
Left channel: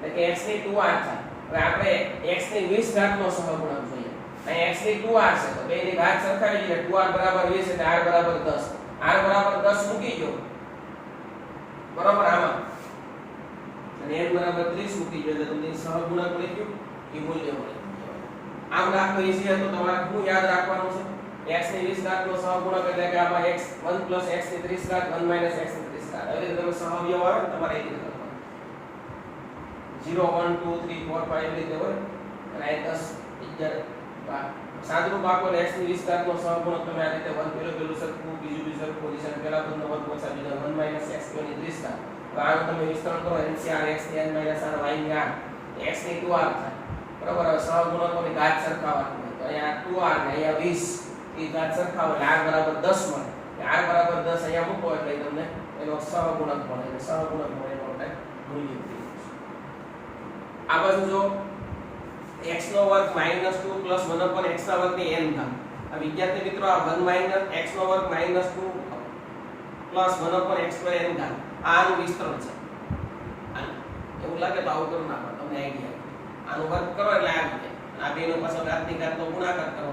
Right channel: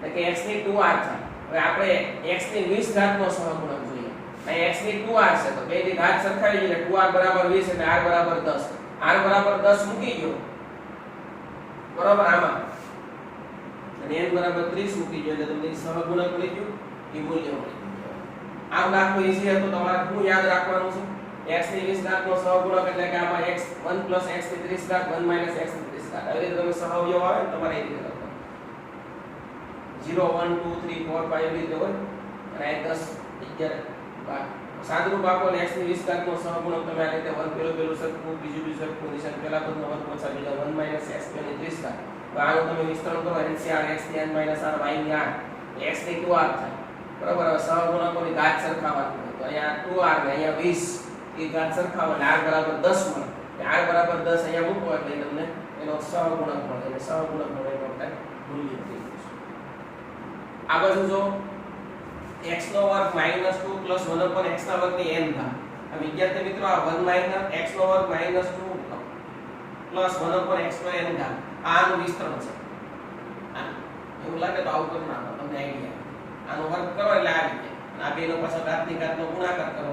એટલે કે x ની 2r છે. હવે આપણે x ની 20 ઘાતનો સહગુણક જોઈએ. અહીં x ની 2r છે તો બેની ઘાત સરખાવી એટલે 2r = 20 અને r = 10. r = 10 મૂકી ગયો બરોબર આમાં અને n બરાબર 30 મૂકી જો એટલે તમને સહગુણક મળી ગયું એ મૂલ્ય મળી ગયું આમ દાખલો ઈઝી હતો તમારે શું યાદ રાખવાનું છે x ની 20 ઘાત નો સહગુણક એટલે કે આમાં x 1 + x ની 30 ઘાત 1 - x ની 30 ઘાત આવી રીતે તમે સહઅવયવ આવે ને તમારે એ રીતે કરવાનું 0 1 2 3 4 5 એવી રીતે હોય અને આ 10 11 સાદરૂપ આપો એટલે x ની 20 ઘાત નો સહગુણક તમે આ રીતે 1 પેલું સરખું બીજું સરખું નિશાન પેલા પદનો વર્ગ ઓછા બીજા 1 - x ની 30 ઘાત તો આનું તમે વિસ્તરણ કરો NCR x ની n - r y ની r x ની 2r થાય બરાબર હવે સહગુણકોની ઘાત સરખાવવાની હોય તો અહીંયા 2r ને અહીંયા 20 એ ઘાત સરખાવો એટલે r બરાબર 10 મળે r બરાબર 10 અહીંયા મૂકો એટલે તમને એનો સહગુણક મળે એટલે સહગુણક મળે એનો આપણે મૂલ્ય થઈ જશે આ બાજુ જો x નો વર્ગ -2 + 1 x ના વર્ગની n ઘાત આ વિદ્યાર્થી મિત્રો આ 1 - x નો વર્ગ -2 + 1 x નો n ઘાત આનું વિસ્તરણ છે એવું લાગે તો આવું કરી નાખો તમને આઈડિયા આનો વર્ગ કરો એટલે આવી જાય આ બેનો પાછો ઘાતની ઘાતનો ગુણાકાર કરો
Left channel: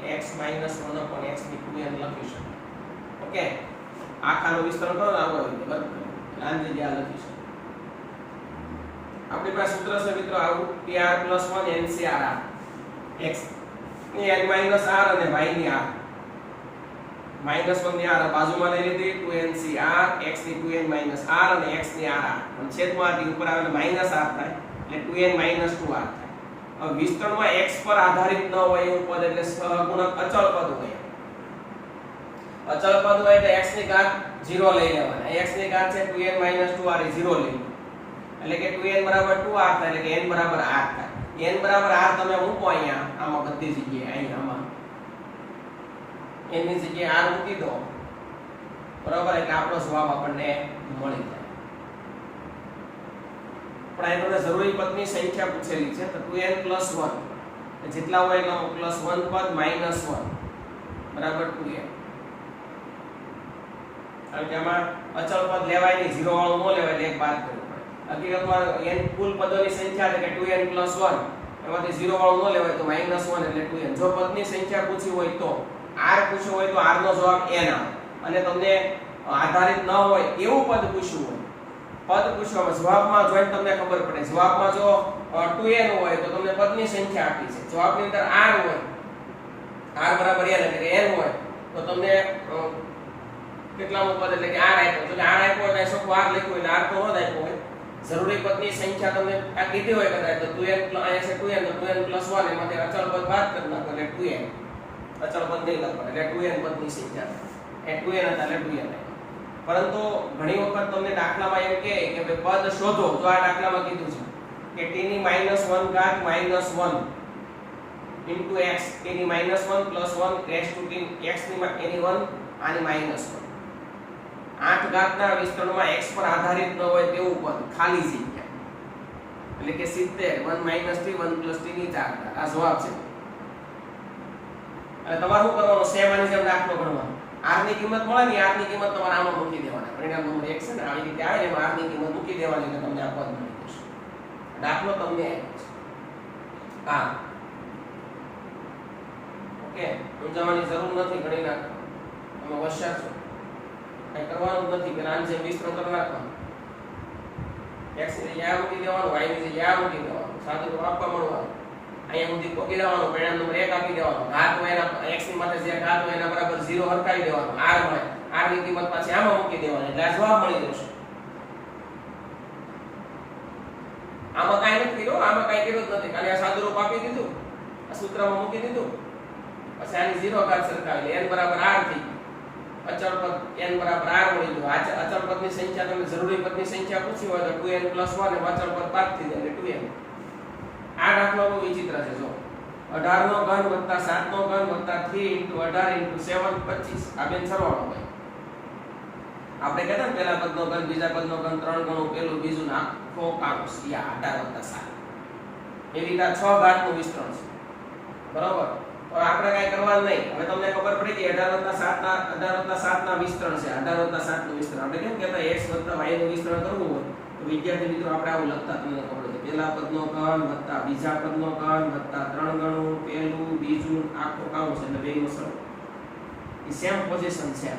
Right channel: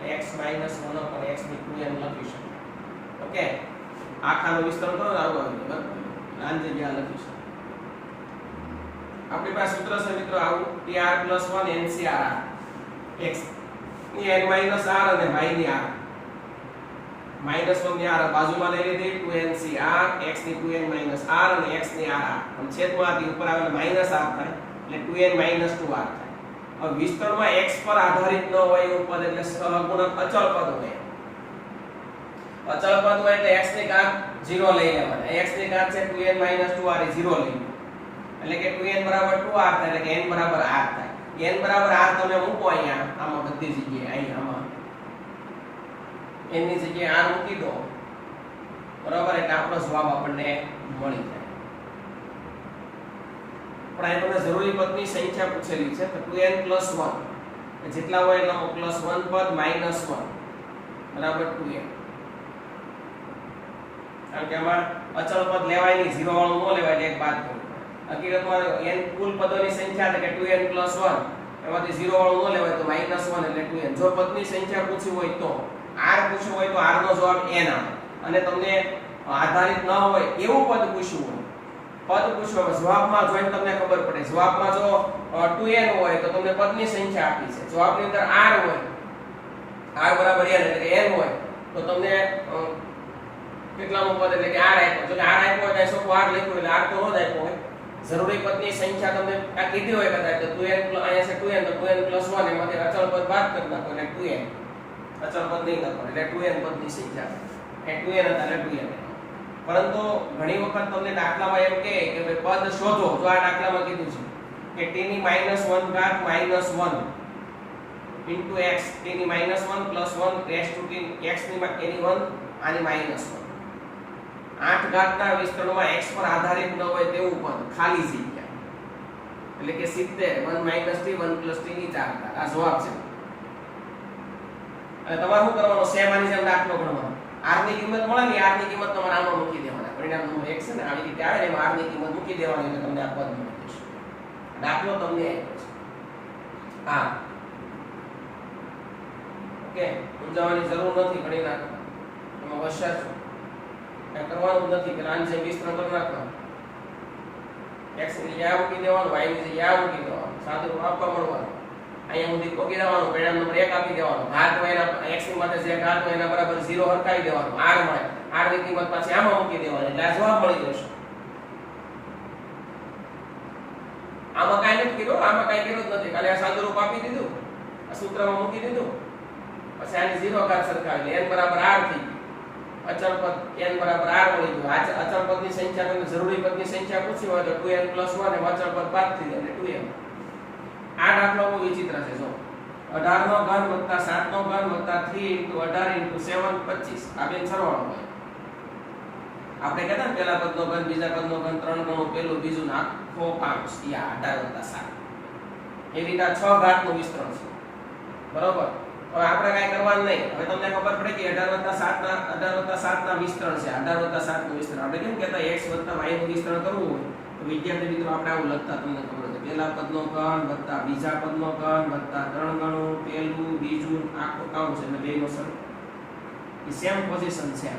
એટલે x - 1 x ની 2n લખી શકાય ઓકે આખાનું વિસ્તરણ કરો ને આવું આવી જાય બરાબર આ જગ્યા લખી શકાય આપણી પાસે સૂત્ર છે મિત્રો આવું pr + 1 ncr x ની n - r અને y ની r -1 ની r બાજુમાં લઈ લીધી 2ncr x ની 2n - r અને x ની r પણ છેદમાંથી ઉપર આવેલ -r થાય એટલે 2n - 2r થાય હવે વિસ્તરણમાં x પર આધારિત ન હોય એવું પદ એટલે સહગુણક અચળ પદ હોય અચળ પદ હોય એટલે x ની ઘાત 0 લઈ લેવાના x ની ઘાત છે 2n - 2r એ 0 લઈ એટલે કે 2n બરાબર 2r થાય એટલે કે n બરાબર r થાય n બરાબર r તમે મૂકો અહીંયા આમાં બધી જગ્યાએ અહીંયા આમાં n ની જગ્યાએ r મૂકી દો બરાબર એટલે આપણો જવાબ આપણને મળી જાય પણ અહીં તમને જરૂરી પદની સંખ્યા પૂછેલી છે તો 2n + 1 જેટલા હોય એનો +1 પદ -1 બરાબર 2n કારણ કે આમાં અચળ પદ લેવાય નહીં 0 વાળું ન લેવાય એટલે એક બાદ કરવું પડે હકીકતમાં n કુલ પદોની સંખ્યા એટલે કે 2n + 1 એમાંથી 0 વાળું ન લેવાય તો -1 એટલે 2n જો પદની સંખ્યા પૂછી હોય તો r પૂછ્યું હોય તો r નો જવાબ n આવે અને તમને આધારિત ન હોય એવું પદ પૂછ્યું હોય પદ પૂછ્યું જવાબમાં જોઈને તમને ખબર પડે જવાબમાં જો 2n હોય તો તમને પદની સંખ્યા આપી છે જવાબની અંદર r હોય r બરાબર n એટલે કે n હોય તો તમને કેટલામું પદ એટલે કે r આપ્યો જો r આપ્યો હોય તો શું r લખ્યું એટલે r તો ન આપ્યો હોય જરૂરી પદની સંખ્યા તમને આ કીધી હોય કદાચ તો 2n અહીંયા છે 2n તો 2n + 1 એમાંથી અચળ પદ બાદ કરી નાખો એટલે 2n અચળ પદ નહીં લખો એટલે 2n પદની સંખ્યા એ 2n હતા એટલે 2n પરંતુ ઘણી વખત તમને દાખલામાં એમ કહે કે પદ શોધો જો આ દાખલામાં કીધું છે કે t ની -1 ઘાત -1 into x t ની -1 + 1 raised to t x ની એની 1 આની -1 8 ઘાતના વિસ્તરણમાં x પર આધારિત ન હોય તેવું પદ ખાલી જગ્યા એટલે કે 70 1 - t 1 + t ની 4 ઘાત આ જવાબ છે અને તમારે શું કરવાનું સેમ આની જેમ દાખલો ગણવાનો r ની કિંમત મળે ને r ની કિંમત તમારે આમાં મૂકી દેવાના પરિણામ નંબર 1 છે ને આવી રીતે આવે એમાં r ની કિંમત મૂકી દેવાની એટલે તમને આ પદ મળી જશે દાખલો તમને આપ્યો છે હા ઓકે સમજાવવાની જરૂર નથી ઘણી નાખો તમે હોશિયાર છો કઈ કરવાનું નથી કે આની જેમ વિસ્તરણ કરી નાખવાનું x ની જગ્યાએ મૂકી દેવાનું y ની જગ્યાએ મૂકી દેવાનું સાદું આપવા મળવાનું અહીંયા સુધી પોકી દેવાનું પરિણામ નંબર 1 આપી દેવાનું ઘાત હોય એના x ની માટે જે ઘાત હોય એના બરાબર 0 હરકાવી દેવાનું r મળે r ની કિંમત પાછી આમાં મૂકી દેવાની એટલે આ જવાબ મળી જશે આમાં કાઈ નથી કર્યું આમાં કાઈ કર્યું જ નથી ખાલી આ સાદું રૂપ આપી દીધું આ સૂત્રમાં મૂકી દીધું પછી આની 0 ઘાત સરખાવી લે n બરાબર r થઈ અચળ પદ n બરાબર r મળી ગયું આ અચળ પદની સંખ્યા તમને જરૂરી પદની સંખ્યા પૂછી હોય તો 2n + 1 અને અચળ પદ બાદ થઈ જાય એટલે 2n આ દાખલો બહુ વિચિત્ર છે જો 18 નો ઘન + 7 નો ઘન + 3 * 18 * 7 25 આ બેન સરવાળો હોય આપણે કહેતા ને પહેલા પદનો ઘન બીજા પદનો ઘન 3 ગણું પેલું બીજું આખો કાઉન્સ યા 18 + 7 એ રીતે 6 ઘાતનું વિસ્તરણ છે બરોબર હવે આપણે કાઈ કરવાનું નહીં હવે તમને ખબર પડી કે 18 + 7 ના વિસ્તરણ છે 18 + 7 નું વિસ્તરણ આપણે કેમ કહેતા x + y નું વિસ્તરણ કરવું હોય તો વિદ્યાર્થી મિત્રો આપણે આવું લખતા તમને ખબર છે પહેલા પદનો ઘન + બીજા પદનો ઘન + 3 ગણું પેલું બીજું આખું કાઉન્સ એટલે બેનો સરવાળો એ સેમ પોઝિશન છે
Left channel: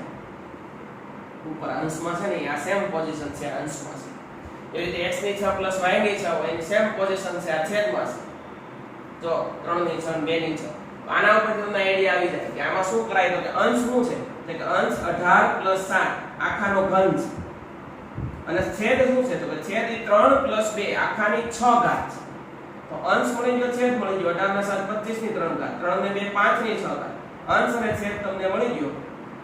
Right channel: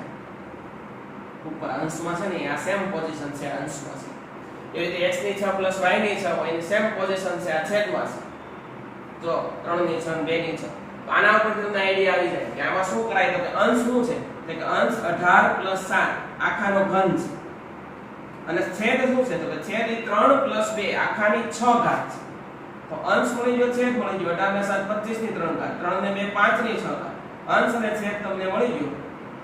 ઉપર અંશમાં છે ને આ સેમ પોઝિશન છે અંશમાં છે. એવી રીતે x ની 6 પ્લસ y ની 6 એની સેમ પોઝિશન છે આ છેદમાં છે. તો 3 ની 6 અને 2 ની 6. તો આના ઉપરથી તમને આઈડિયા આવી જાય કે આમાં શું કરાય તો કે અંશ શું છે એટલે કે અંશ 18 પ્લસ 7 આખાનો ઘન છે અને છેદ શું છે તો કે છેદ એ 3 પ્લસ 2 આખાની 6 ઘાત છે. તો અંશ મળી ગયો છેદ મળી ગયો 18 ને 7 25 ની 3 ઘાત 3 ને 2 5 ની 6 ઘાત. અંશ અને છેદ તમને મળી ગયો.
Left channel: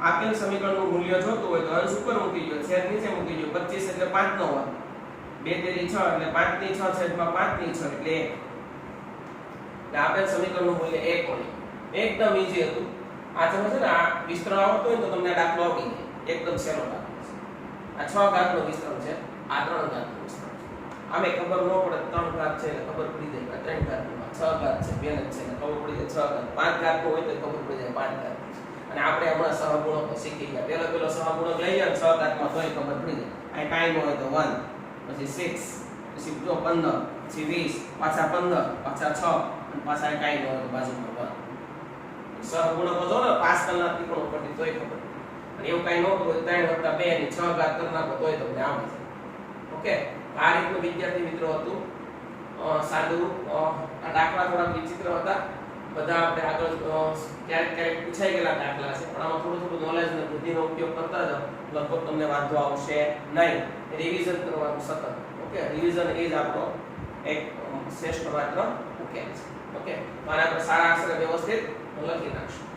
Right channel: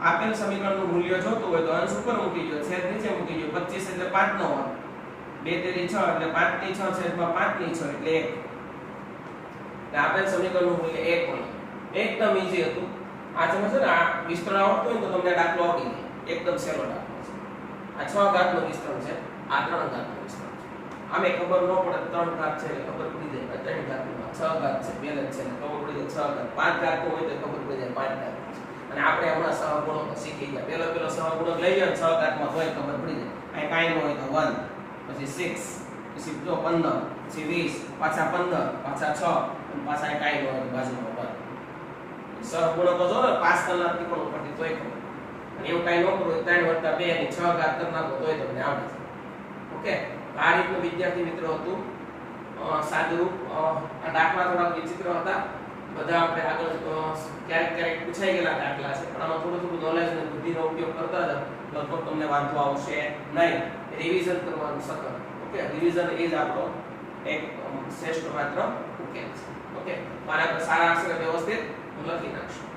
આપેલ સમીકરણનું મૂલ્ય જોતું હોય તો અંશ ઉપર મૂકી દો છેદ નીચે મૂકી દો 25 એટલે 5 નો વર્ગ 2 તેરી 6 એટલે 5 ની 6 છેદમાં 5 ની 6 એટલે 1. એટલે આપેલ સમીકરણનું મૂલ્ય 1 મળે. એકદમ ઈઝી હતું. આ તમે છે ને આ વિસ્તરણ આવડતું હોય તો તમને દાખલો આપી દે. એકદમ સહેલો દાખલો છે. આ 6 ઘાતનું વિસ્તરણ છે. આ 3 ઘાતનું વિસ્તરણ છે. આમે ખબર ન પડે 3 ઘાત છે એટલે ખબર પડી જાય 3 ઘાતનું 6 ઘાત છે બેલેન્સ છે એટલે ખબર પડી જાય 6 ઘાત 5 ઘાતનું હોય તો ખબર પડી જાય 5 ઘાત. અને આપણે હમણાં સહગુણકો શીખી ગયા. પેલો સહગુણક લઈ જાય 6 ઘાતમાં તોય ખબર પડી જાય. આ કાઈ ન હોય તો 1 પછી 6 પછી 15 પછી 20 પાછા 15 પાછા 6 અને પાછા કાઈ ન હોય તો બાજુમાં 1. સહગુણકો જો ને 5 કલાકથી પણ ઉપરથી તોય ખબર. અને એવું કાઈ ન કરો 3 + 2 ની 6 ઘાત કરી નાખો તોય તમને આવડે છે. ઓકે, આ રીતનું વિદ્યાર્થી મિત્રો હતું. સાદું આ દાખલા થોડા વિચિત્ર હતા. બધા આપણે આગળ ક્યારેક પૂછાઈ ગયેલા દાખલા છે પણ આમાં થોડું નોલેજ અને બુદ્ધિનો ઉપયોગ કરતા જાવ લગભગ તમને વાંધો આવશે નહીં. રિવિઝન કરવાનું સતત. ઓકે, રિવિઝન એ જ આપણો એક શ્રેષ્ઠ માત્ર ઉકેલ છે. ઓકે, તો આને આપણે સારા અક્ષરે વ્યવસ્થિત લખી નાખશું.